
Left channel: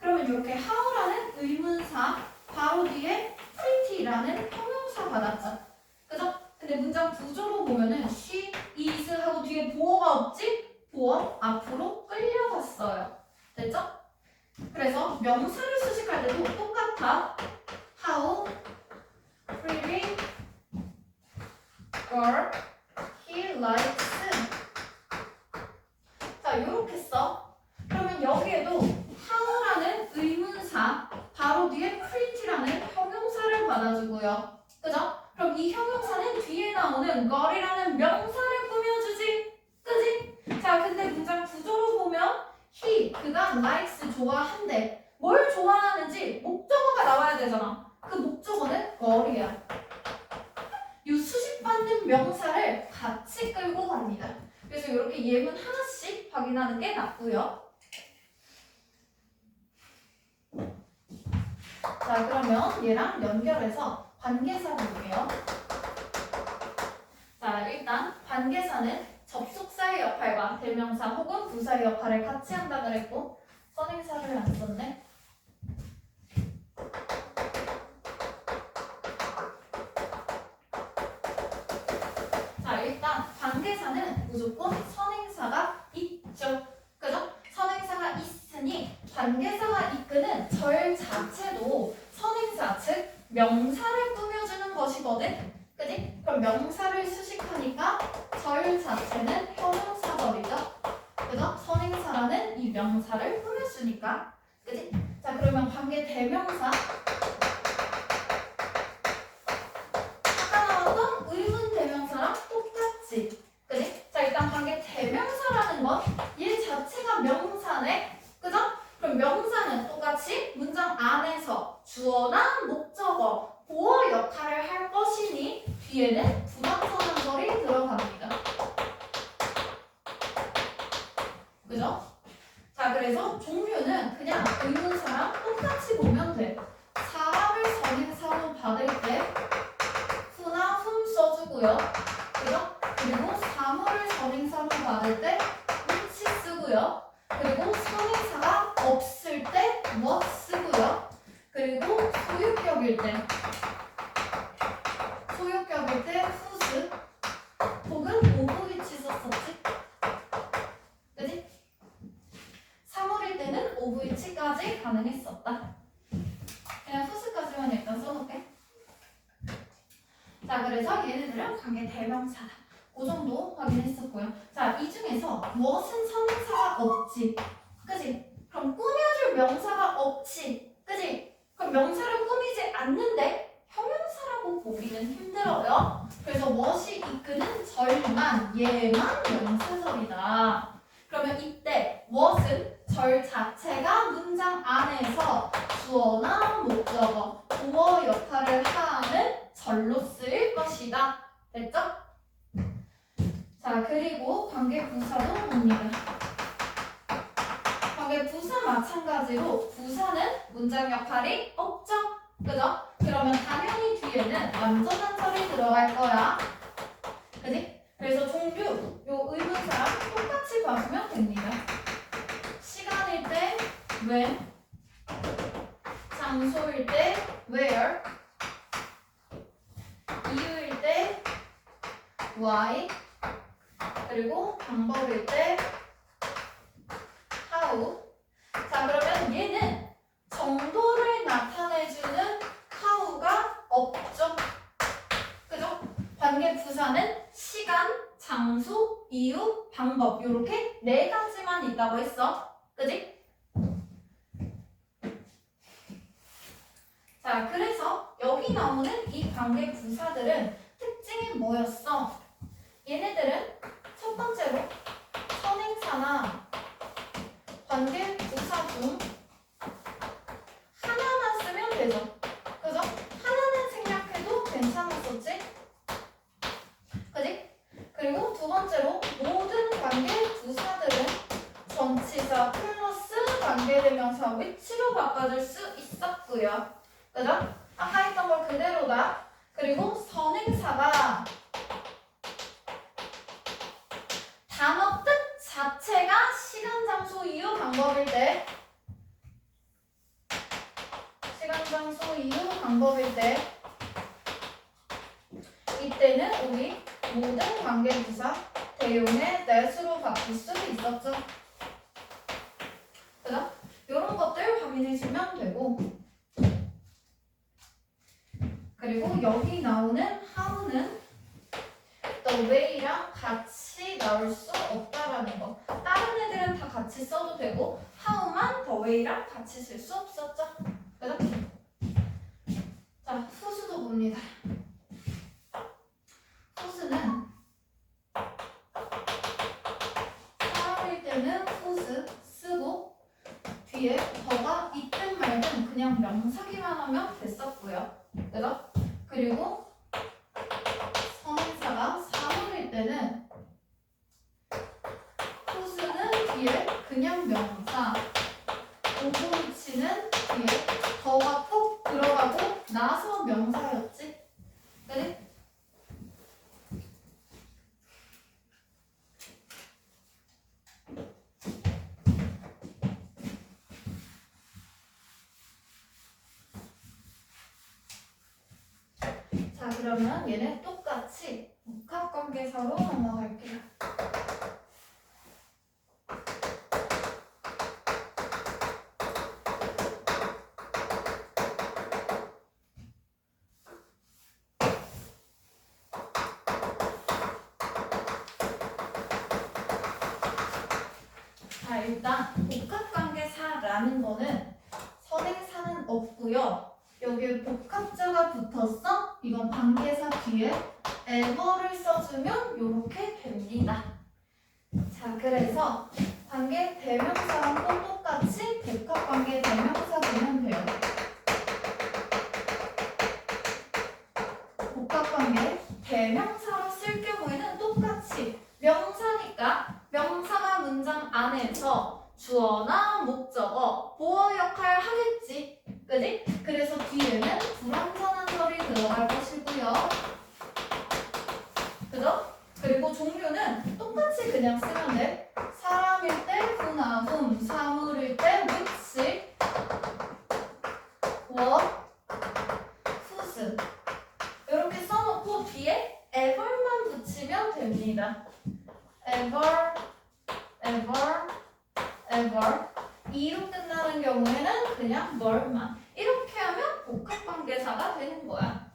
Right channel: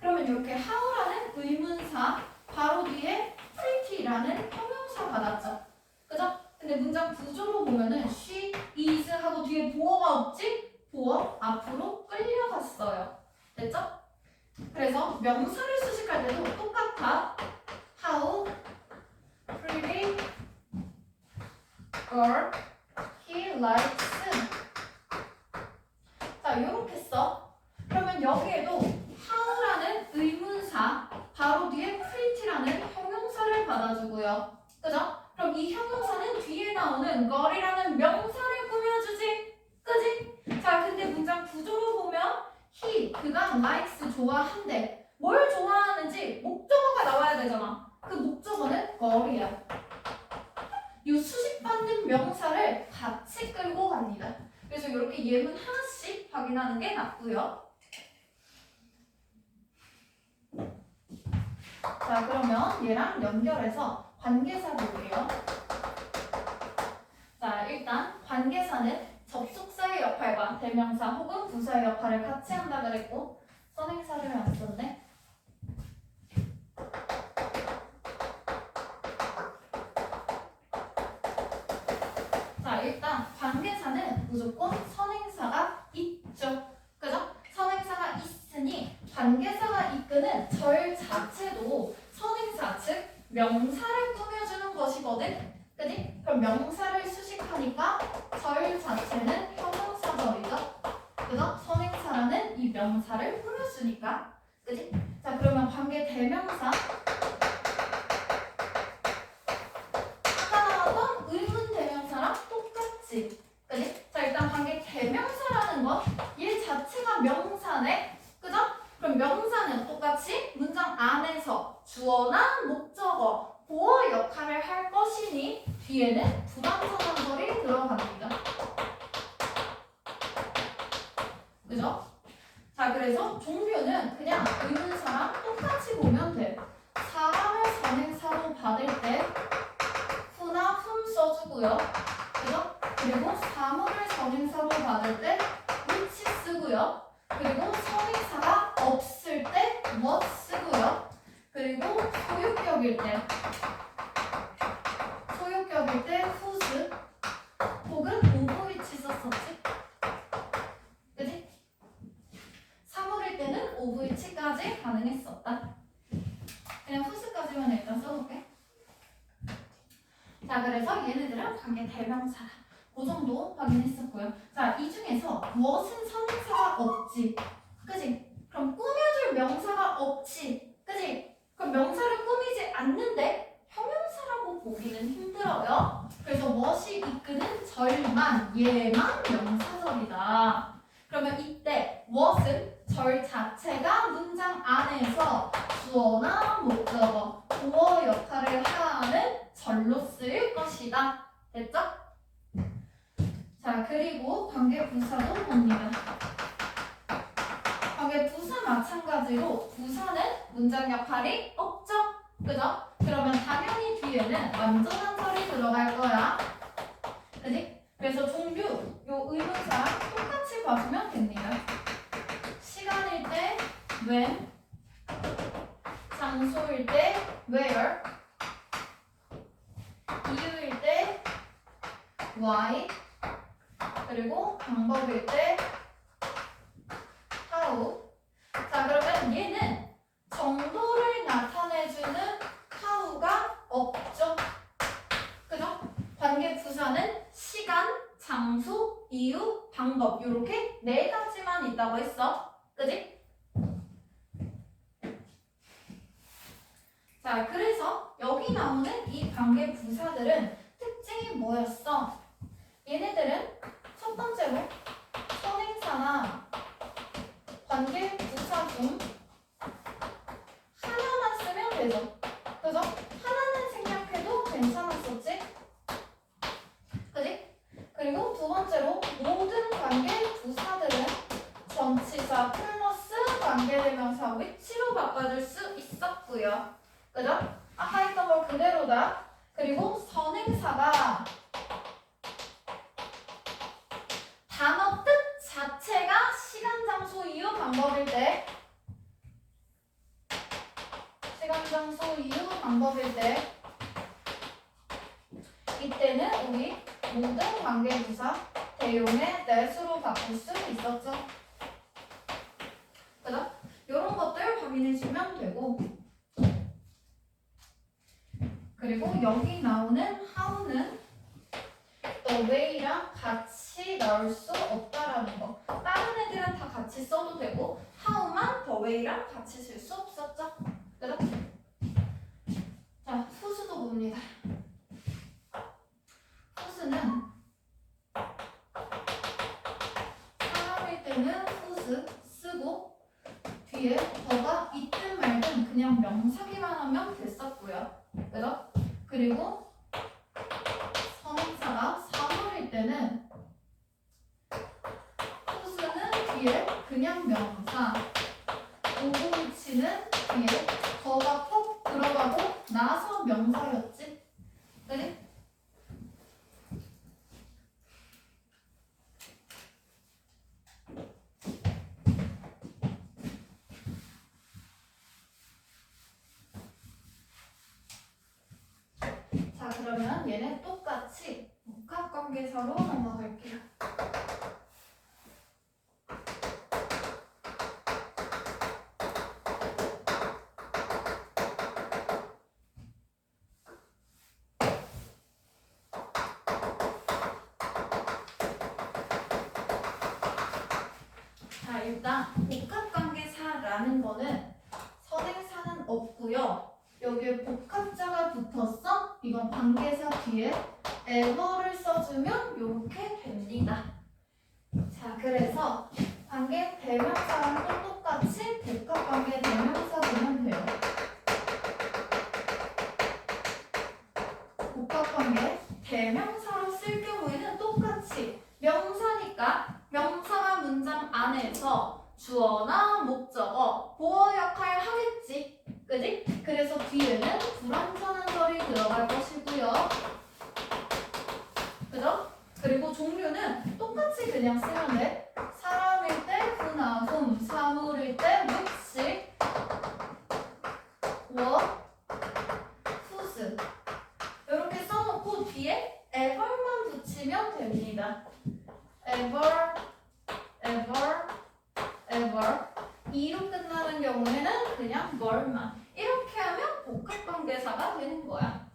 그러면 이렇게 how라는 의문사 바로 뒤에 pretty라는 형용사 받았죠. 그죠? 근데 문장 구조로 보면은 she is 하고 뒤에 보어가 없지? 보어 앞으로 끌려갔어요. 됐죠? 그래서 명사를 수식할 때도 똑같아. How pretty girl he likes. 자, 요렇게 써. 그러면 여기에도 how라는 의문사 바로 뒤에 pretty라는 형용사를 받아주고요. 그죠? 그럼 이 형용사는 뒤에 나오는 girl이라는 명사를 꾸며주지. 그지? 자, 근데 문장 구조로 보면 he, 그가 likes 좋아한대. 뭘 좋아하는지 목적어가 나와야 되잖아. 그 목적어는 girl이야. 이 수식받는 명사를 같이 끌고 갑니다. 그래서 이렇게 예문 하나씩 확인하는 게 낫고요. 자, 그러면 얘랑 연결해서 관계사 볼게요. 자, 일단 관계사는 접속사의 역할과 대명사 혹은 부사의 역할을 같이 한다 그랬고 선행사를 안 썼네. 자, 일단 관계사는 무조건 선행사가 있죠. 그죠? 선행사가 있으니 관계사가 이끄는 절 자체도 선행사, 즉 명사를 꾸며주는 것이거든. 그지? 그럼 명사를 수식하니까 절 자체는 형용사절이죠. 그죠? 선행사라는 이 명사를 꾸며주니까. 그지? 자, 그러면 관계 대명사 하던 의문 대명사랑 똑같지. 그지? 자, 일단 관계 대명사라는 건 얘 자체가 명사네. 그죠? 그럼 명사는 똑같이 문장 안에서 주어나 목적어, 보어 역할을 할 것이니 뒤에는 부당선언절이 들어갑니다. 그죠? 자, 그래서 종류는 그냥 의문사랑 똑같이 보면 돼. 사람을 선행사로 받을 때 후나 훔 써주고요. 그죠? 그리고 사물을 선행사로 받을 때 which 쓰고요. 그리고 선행사가 없을 때 what 쓰고요. 그리고 소유격일 때 whose 혹은 of which 썼었지. 그지? 사물일 때는 of which까지 가능했었다. 그냥 whose까지만 일단 써볼게. 자, 그래서 얘네들은 관계 대명사다. 그 정도 확인했었고요. 자, 이 중에서 무엇은 선행사가 없지? 그지? 그럼 꾸며줄 명사가 없지? 그지? 그럼 명사를 꾸미지 않는데 형용사라고 보기는 힘들어요. 그래서 무엇이 이끄는 절만, 얘만 명사절이다. 그러면 이때 무엇은 절 자체가 문장 안에서 주어나 목적어, 보어 역할을 하는 절로 쓰일 것이다. 됐죠? 자, 그리고 관계부사도 봅니다. 관계부사 마찬가지로 부사는 문장 역할이 없죠? 그죠? 그러면 당연히 뒤에는 완전한 설이 들어갈 거야. 그지? 그래서 종류, 요 의문사랑 똑같이 봐주면 됩니다. 시간일 때 when, 장소일 때 where, 이유일 때 why, 그리고 방법일 때 how. 자, 그러면 얘는 정도를 나타내주는 how가 없죠. 그죠? 관계부사는 시간, 장소, 이유, 방법 요렇게 네 가지만 있다고 했어. 그지? 자, 그래서 여기 나오는 이 관계부사들은 특징이 뭐였어? 얘네들은 첫 번째로 선행사나 관계부사 중 하나만 쓰면 되죠. 그죠? 하나는 생략해도 괜찮았었지? 그지? 그리고 두 번째로 모든 관계부사들은 전치사 플러스 관계대명사 위치로 바꿔줄 수 있었고요. 그죠? 아까 했던 걸 그대로다. 그리고 선행사가 단어 뜻 자체가 시간, 장소, 이유, 방법일 때 시간, 장소, 이유, 방법일 때 이때는 우리 모든 관계부사 대용의 that으로 바꿀 수 있었죠. 그죠? 이런 것들 확인해주면 되고 그리고 여기 나오는 how는 the way랑 같이 나올 수 없다라는 거. 다른 애들은 다 같이 써도 되고 how만 the way랑 같이 쓸 수 없었죠. 그죠? 자, 후수도 봅니다. 후수는 사용일 때는 후수 쓰고 뒤에 더가 있든 말든 그냥 명사기만 하면 됐었고요. 그죠? 그리고 선행사가 사물일 때는 후수는 뒤에 그냥 명사, 오고 위치는 뒤에 더가 꼭 들어가고 나서 명사였지. 그지? 자, 그러면 얘네 똑같이 복합관계사로 넘어갈게요. 자, 일단 복합관계사라는 거는 선행사는 없고요. 여기에 복합자가 붙었어? 이건 관계사 뒤에 ever를 써주면 이렇게 됩니다. 자, 그래서 관계 대명사랑 또 똑같이 복합관계 대명사 보면 돼요. 복합관계 대명사로 쓸 경우에는 똑같이 명사니까 명사가 문장 안에서 주어나 목적어, 보어 역할 하겠지. 그지? 그래서 뒤에는 불완전한 설이 들어갈 것이고요. 그죠? 그리고 종류는 똑같이 그냥 쓰면 돼. 사람일 때 who나 whom, 사물일 때 which, what, whose 이렇게 써놓고 뒤에 ever만 붙이면 됩니다. ever, ever, ever 이로 끝나는 경우에는 그냥 뭐만 이렇게 하면 복합관계사가 되는 거야.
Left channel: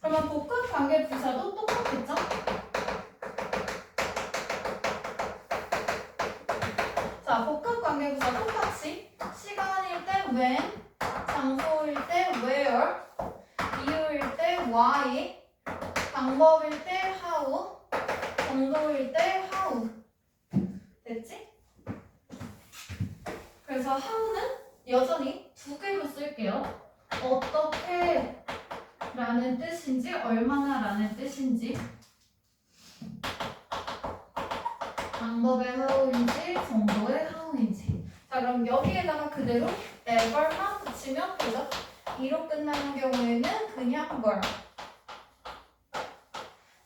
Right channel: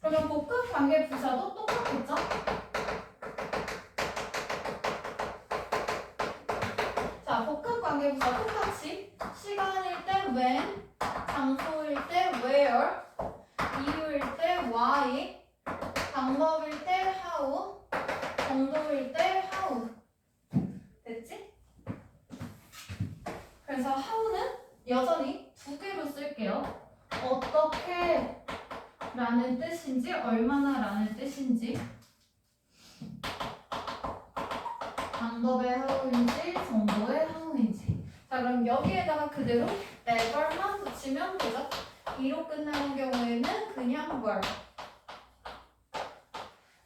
그러면 복합관계부사도 똑같겠죠? 자, 복합관계부사 똑같이 시간일 때 when, 장소일 때 where, 이유일 때 why, 방법일 때 how, 정도일 때 how. 됐지? 그래서 how는 여전히 두 개로 쓸게요. 어떻게 라는 뜻인지 얼마나 라는 뜻인지 방법의 how인지 정도의 how인지. 자, 그럼 여기에다가 그대로 ever만 붙이면 되죠. 이로 끝나는 경우에는 그냥 were.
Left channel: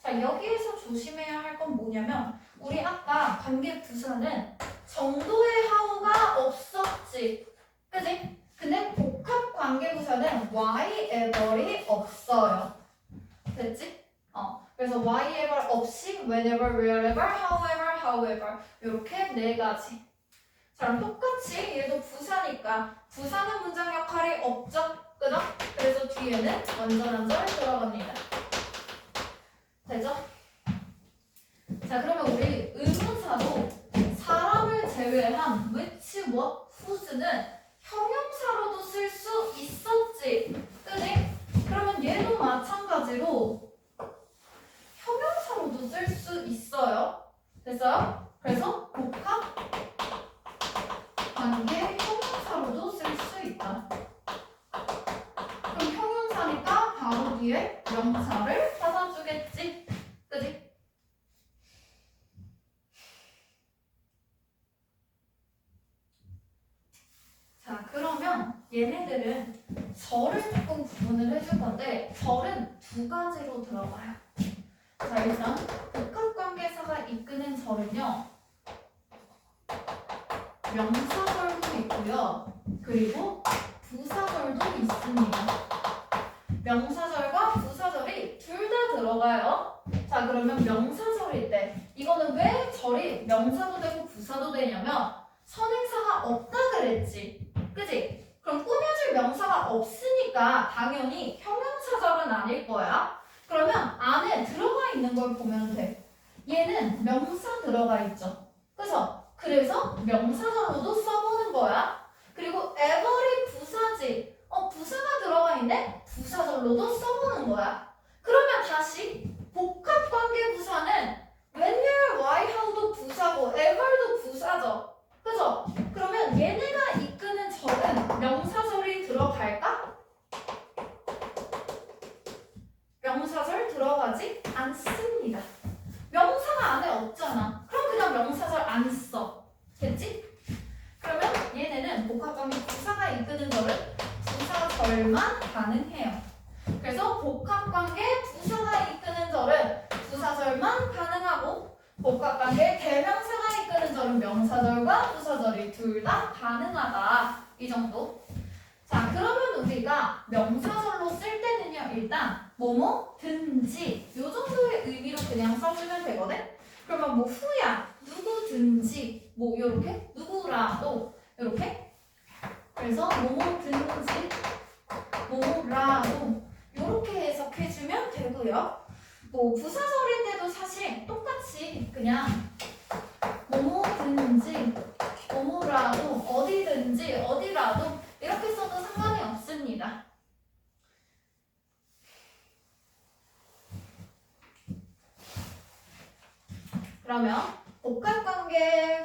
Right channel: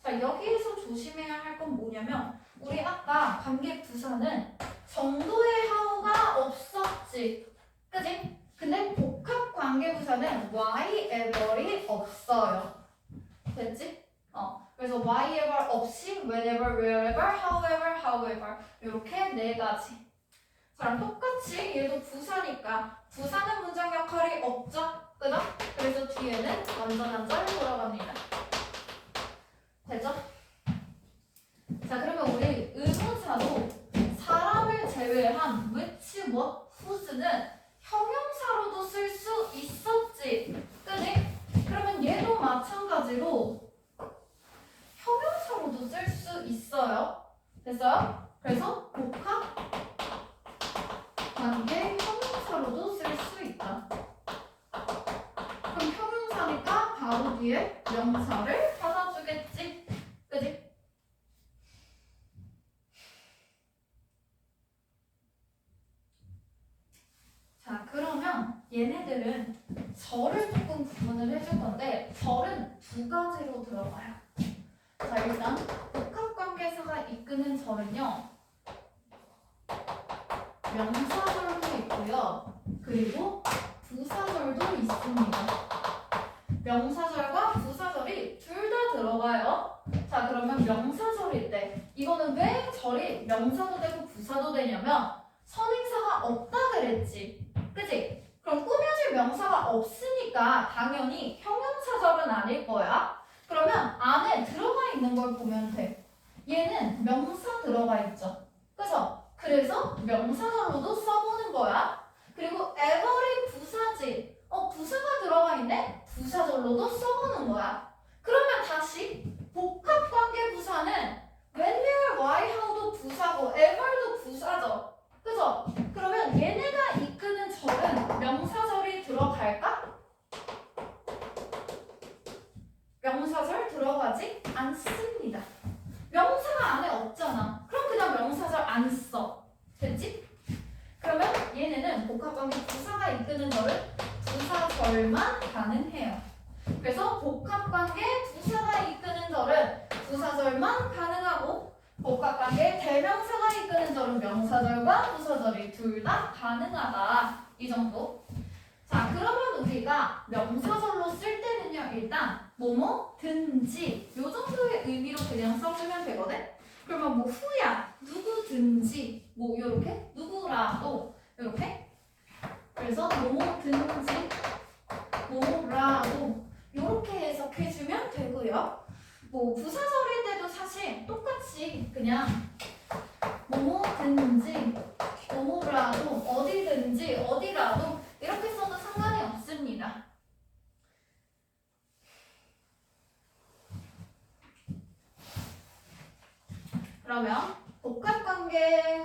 자, 여기에서 조심해야 할 건 뭐냐면 우리 아까 관계 부사는 정도의 how가 없었지. 그지? 근데 복합 관계 부사는 why-ever이 없어요. 됐지? 그래서 why-ever 없이 whenever, wherever, however, however 이렇게 네 가지. 자, 그럼 똑같이 얘도 부사니까 부사는 문장 역할이 없죠? 그죠? 그래서 뒤에는 완전한 절 돌아갑니다. 되죠? 자, 그러면 우리 의문사도 사람을 제외한 which, what, whose는 형용사로도 쓸 수 있었지. 그지? 그러면 얘도 마찬가지로 형용사로도 쓸 수 있어요. 됐어요? 그래서 복합 관계 형용사로도 쓸 수 있다. 그럼 형용사니까 바로 뒤에 명사를 찾아주겠지. 그지? 자, 그러면 얘네들은 절을 조금 구분을 해줄 건데 절은 두 가지로 들어가요. 자, 일단 복합관계사가 이끄는 절은요. 명사절도 있고요. 그리고 부사절도 있습니다. 명사절과 부사절이 둘 다 들어가요. 자, 그러면 명사절일 때 이거는 왜 절이 명사도 되고 부사도 되냐면 선행사가 없다 그랬지. 그지? 그럼 꾸며질 명사가 없으니까 당연히 형용사절은 아닐 거야. 그러면 안에 들어가 있는 걸 보면 돼. 얘는 명사 들어가 있죠. 그죠? 그래서 명사절로도 써보는 거야. 그리고 ever이 부사지. 부사가 들어가 있네? 부사절로도 써보는 거야. 그러면 다시 복합관계 부사는 when, where, why, how도 부사고 ever도 부사죠. 그죠? 그러면 얘네가 이끄는 절은 명사절이 들어갈까? 명사절 들어가지 않습니다. 명사가 안에 없잖아. 그럼 그냥 명사절 안 써. 됐지? 그러면 얘네는 복합관계 부사가 이끄는 절은 부사절만 가능해요. 그래서 복합관계 부사가 이끄는 절은 부사절만 가능하고 복합관계 대명사가 이끄는 절은 명사절과 부사절이 둘 다 가능하다. 이 정도. 자, 그러면 우리가 명사절로 쓸 때는요. 일단 뭐뭐든지 요 정도의 의미로 그냥 써주면 되거든. 그러면 뭐 후야, 누구든지 뭐 요렇게 누구라도 요렇게. 그래서 뭐뭐든지 뭐라도 요렇게 해석해주면 되고요. 뭐 부사절일 때도 사실 똑같이 그냥 뭐뭐든지 뭐뭐라도 어디든지 어디라도 이렇게 써도 상관이 없습니다. 그러면 복합관계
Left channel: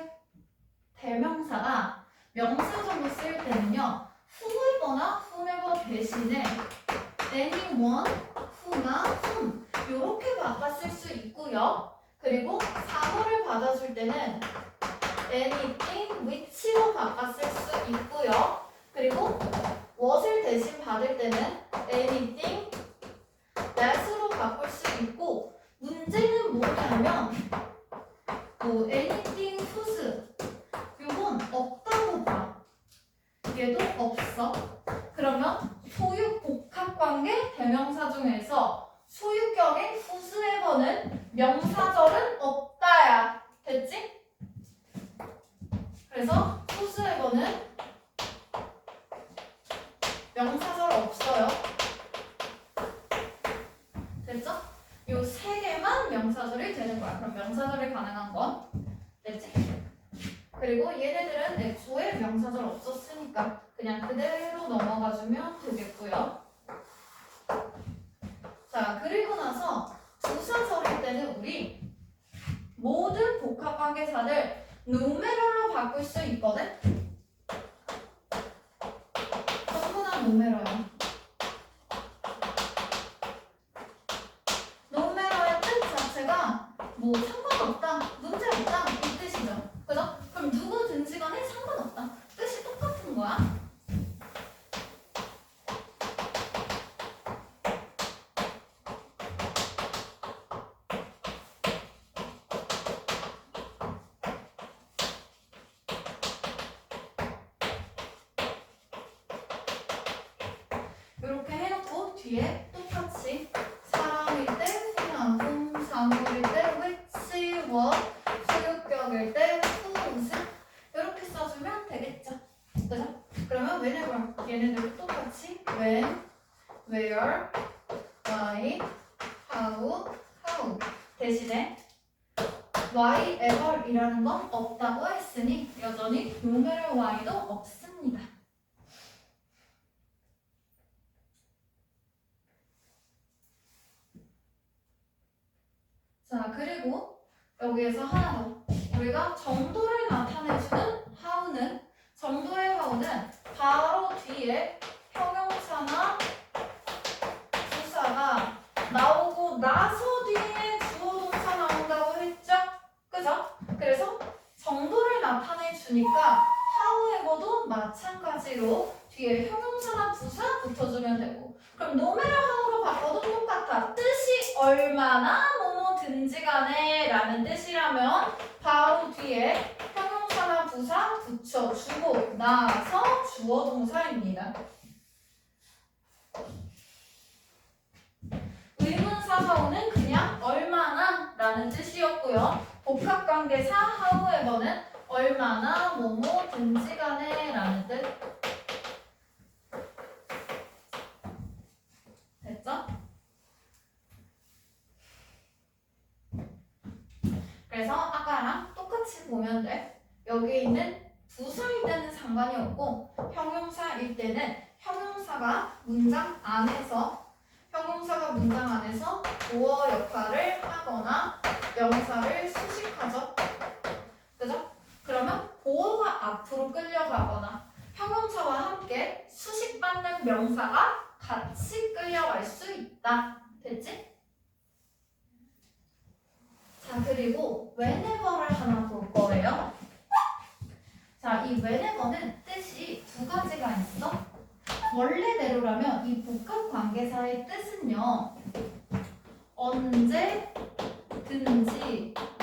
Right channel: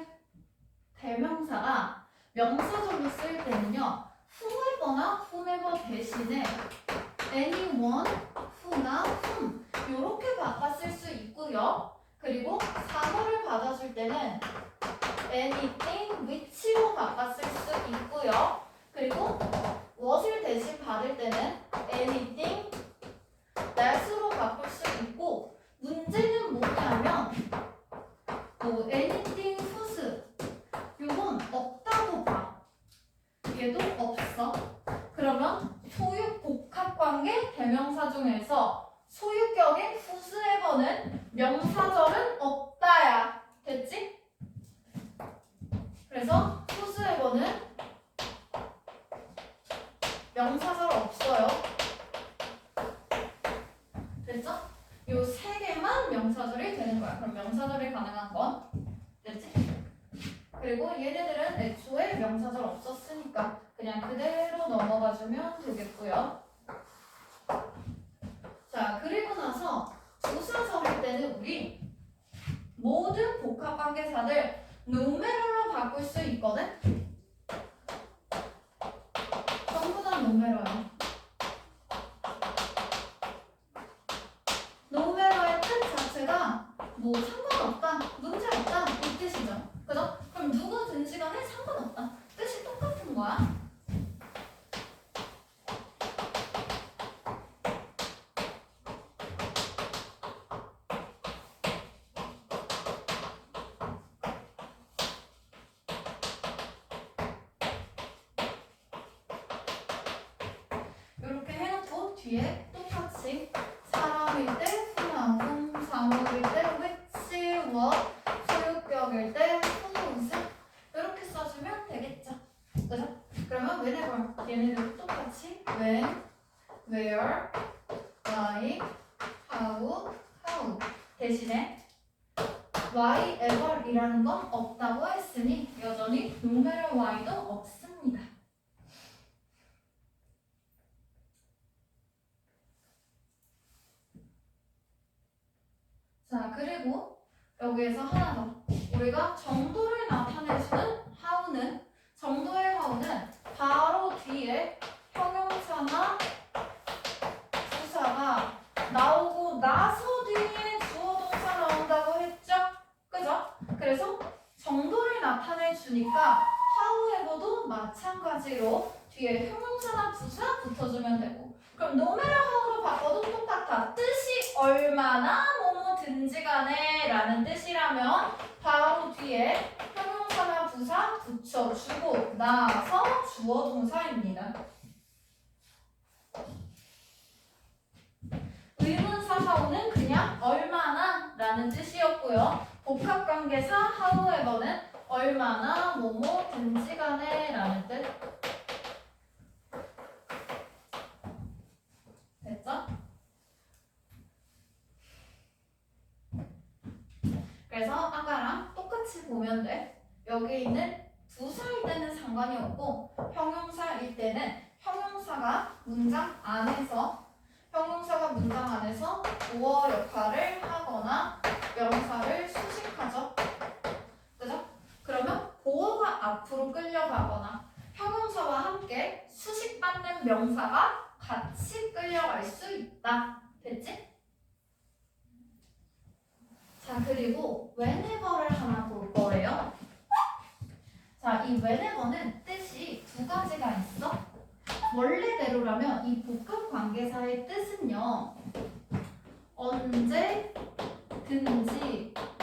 대명사가 명사절로 쓸 때는요. whoever나 whomever 대신에 anyone, who나 whom 이렇게 바꿔 쓸 수 있고요. 그리고 사물을 받아줄 때는 anything, which로 바꿔 쓸 수 있고요. 그리고 what을 대신 받을 때는 anything, that으로 바꿀 수 있고 문제는 뭐냐면 뭐 anything, whose 이건 없다고 봐. 얘도 없어. 그러면 소유 복합관계 대명사 중에서 소유격인 whosoever는 명사절은 없다야. 됐지? 그래서 whosoever는 명사절 없어요. 됐죠? 요 세 개만 명사절이 되는 거야. 그럼 명사절이 가능한 건 됐지? 그리고 얘네들은 애초에 명사절 없었으니까 그냥 그대로 넘어가주면 되겠고요. 자, 그리고 나서 부사절일 때는 우리 모든 복합관계사들 누메러로 바꿀 수 있거든? 전부 다 누메러요. 누메러의 뜻 자체가 뭐 상관없다, 문제없다 이 뒤에 똑같이 사람일 때 whom, 사물일 때 which, what, 소유격일 때 whose 이렇게 써주면 되겠죠. 그죠? 그러면 whenever 얘네들도 똑같이 when, where, why, how 대신에 why ever 이라는 건 없다고 했으니 여전히 no matter why도 없습니다. 자, 그리고 여기에서 하나 더. 우리가 정도를 나타내주는 how는, 정도의 how는 바로 뒤에 형용사나 부사가 나오고 나서 뒤에 주어 동사 나온다고 했죠? 그죠? 그래서 정도를 나타내주니까 how에서도 마찬가지로 뒤에 형용사나 부사 붙여주면 되고, 그럼 no matter how로 바꿔도 똑같아. 뜻이 얼마나 뭐뭐든지 간에 라는 뜻이라면 바로 뒤에 형용사나 부사 붙여주고 나서 주어 동사입니다. 의문사 how는 그냥 얼마나 라는 뜻이었고요. 복합관계사 how에서는 얼마나 뭐뭐든지 간에 라는 뜻. 됐죠? 그래서 아까랑 똑같이 보면 돼. 여기 있는 부사일 때는 상관이 없고 형용사일 때는 형용사가 문장 안에서 보어 역할을 하거나 명사를 수식하죠. 그죠? 그러면 보어가 앞으로 끌려가거나 형용사와 함께 수식받는 명사가 같이 끌려갈 수 있다. 됐지? 자, 그리고 whenever를 하나 볼 거예요. 자, 이 whenever는 뜻이 두 가지가 있어. 원래대로라면 이 복합관계사의 뜻은요, 언제든지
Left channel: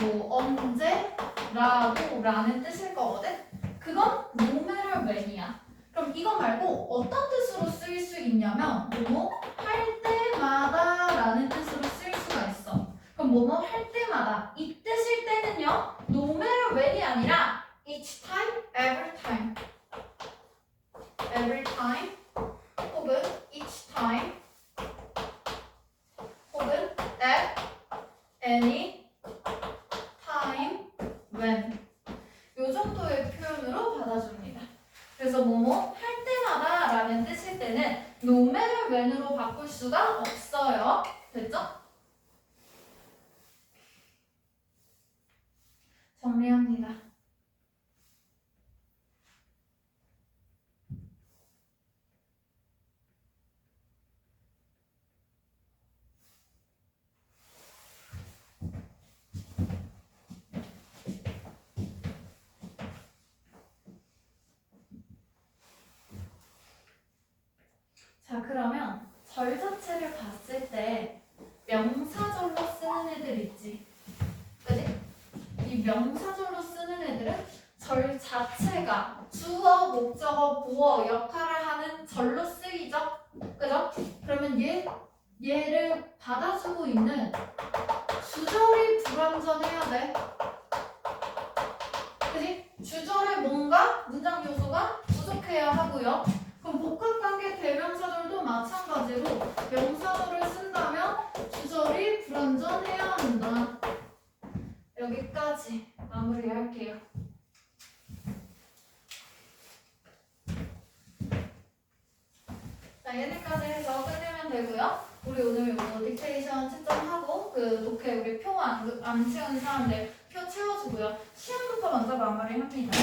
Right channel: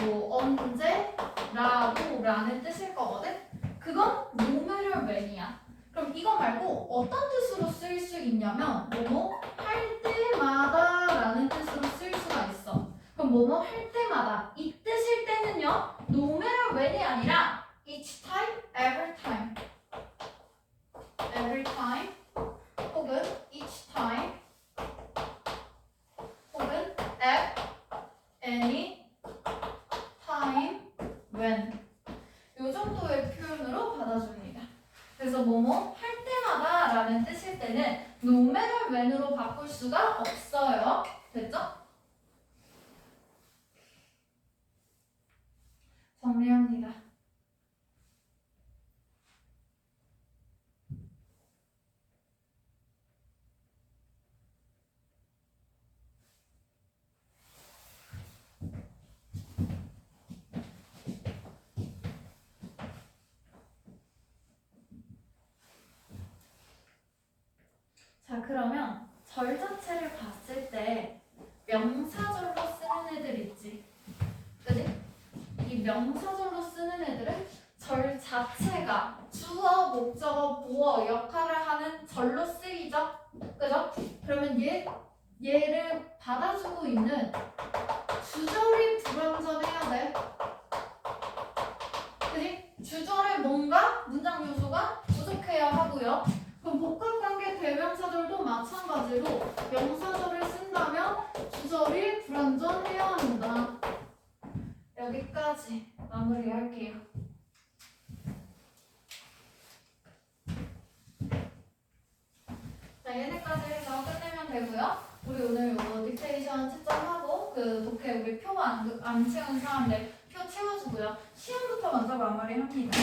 뭐 언제라도 라는 뜻일 거거든. 그건 no matter when이야. 그럼 이거 말고 어떤 뜻으로 쓰일 수 있냐면 뭐뭐 할 때마다 라는 뜻으로 쓰일 수가 있어. 그럼 뭐뭐 할 때마다 이 뜻일 때는요, no matter when이 아니라 each time, every time, every time 혹은 each time 혹은 at any time when 요 정도의 표현으로 받아줍니다. 그래서 뭐뭐 할 때마다 라는 뜻일 때는 no matter when으로 바꿀 수가 없어요. 됐죠? 정리합니다. 자, 그러면 절 자체를 봤을 때 명사절로 쓰는 애들 있지. 그지? 이 명사절로 쓰는 애들은 절 자체가 주어, 목적어, 보어 역할을 하는 절로 쓰이죠. 그죠? 그러면 얘를 받아주고 있는 주절이 불완전해야 돼. 그지? 주절에 뭔가 문장 요소가 부족해야 하고요. 그럼 복합관계 대명사절도 마찬가지로 명사절을 쓴다면 주절이 불완전해야 한다. 여기까지 마무리할게요. 자, 얘네까지 해서 끝내면 되고요. 우리 오늘 요거 딕테이션 채점하고 그 독해 우리 표 안 채운 사람들 표 채워주고요. 시험부터 먼저 마무리합니다.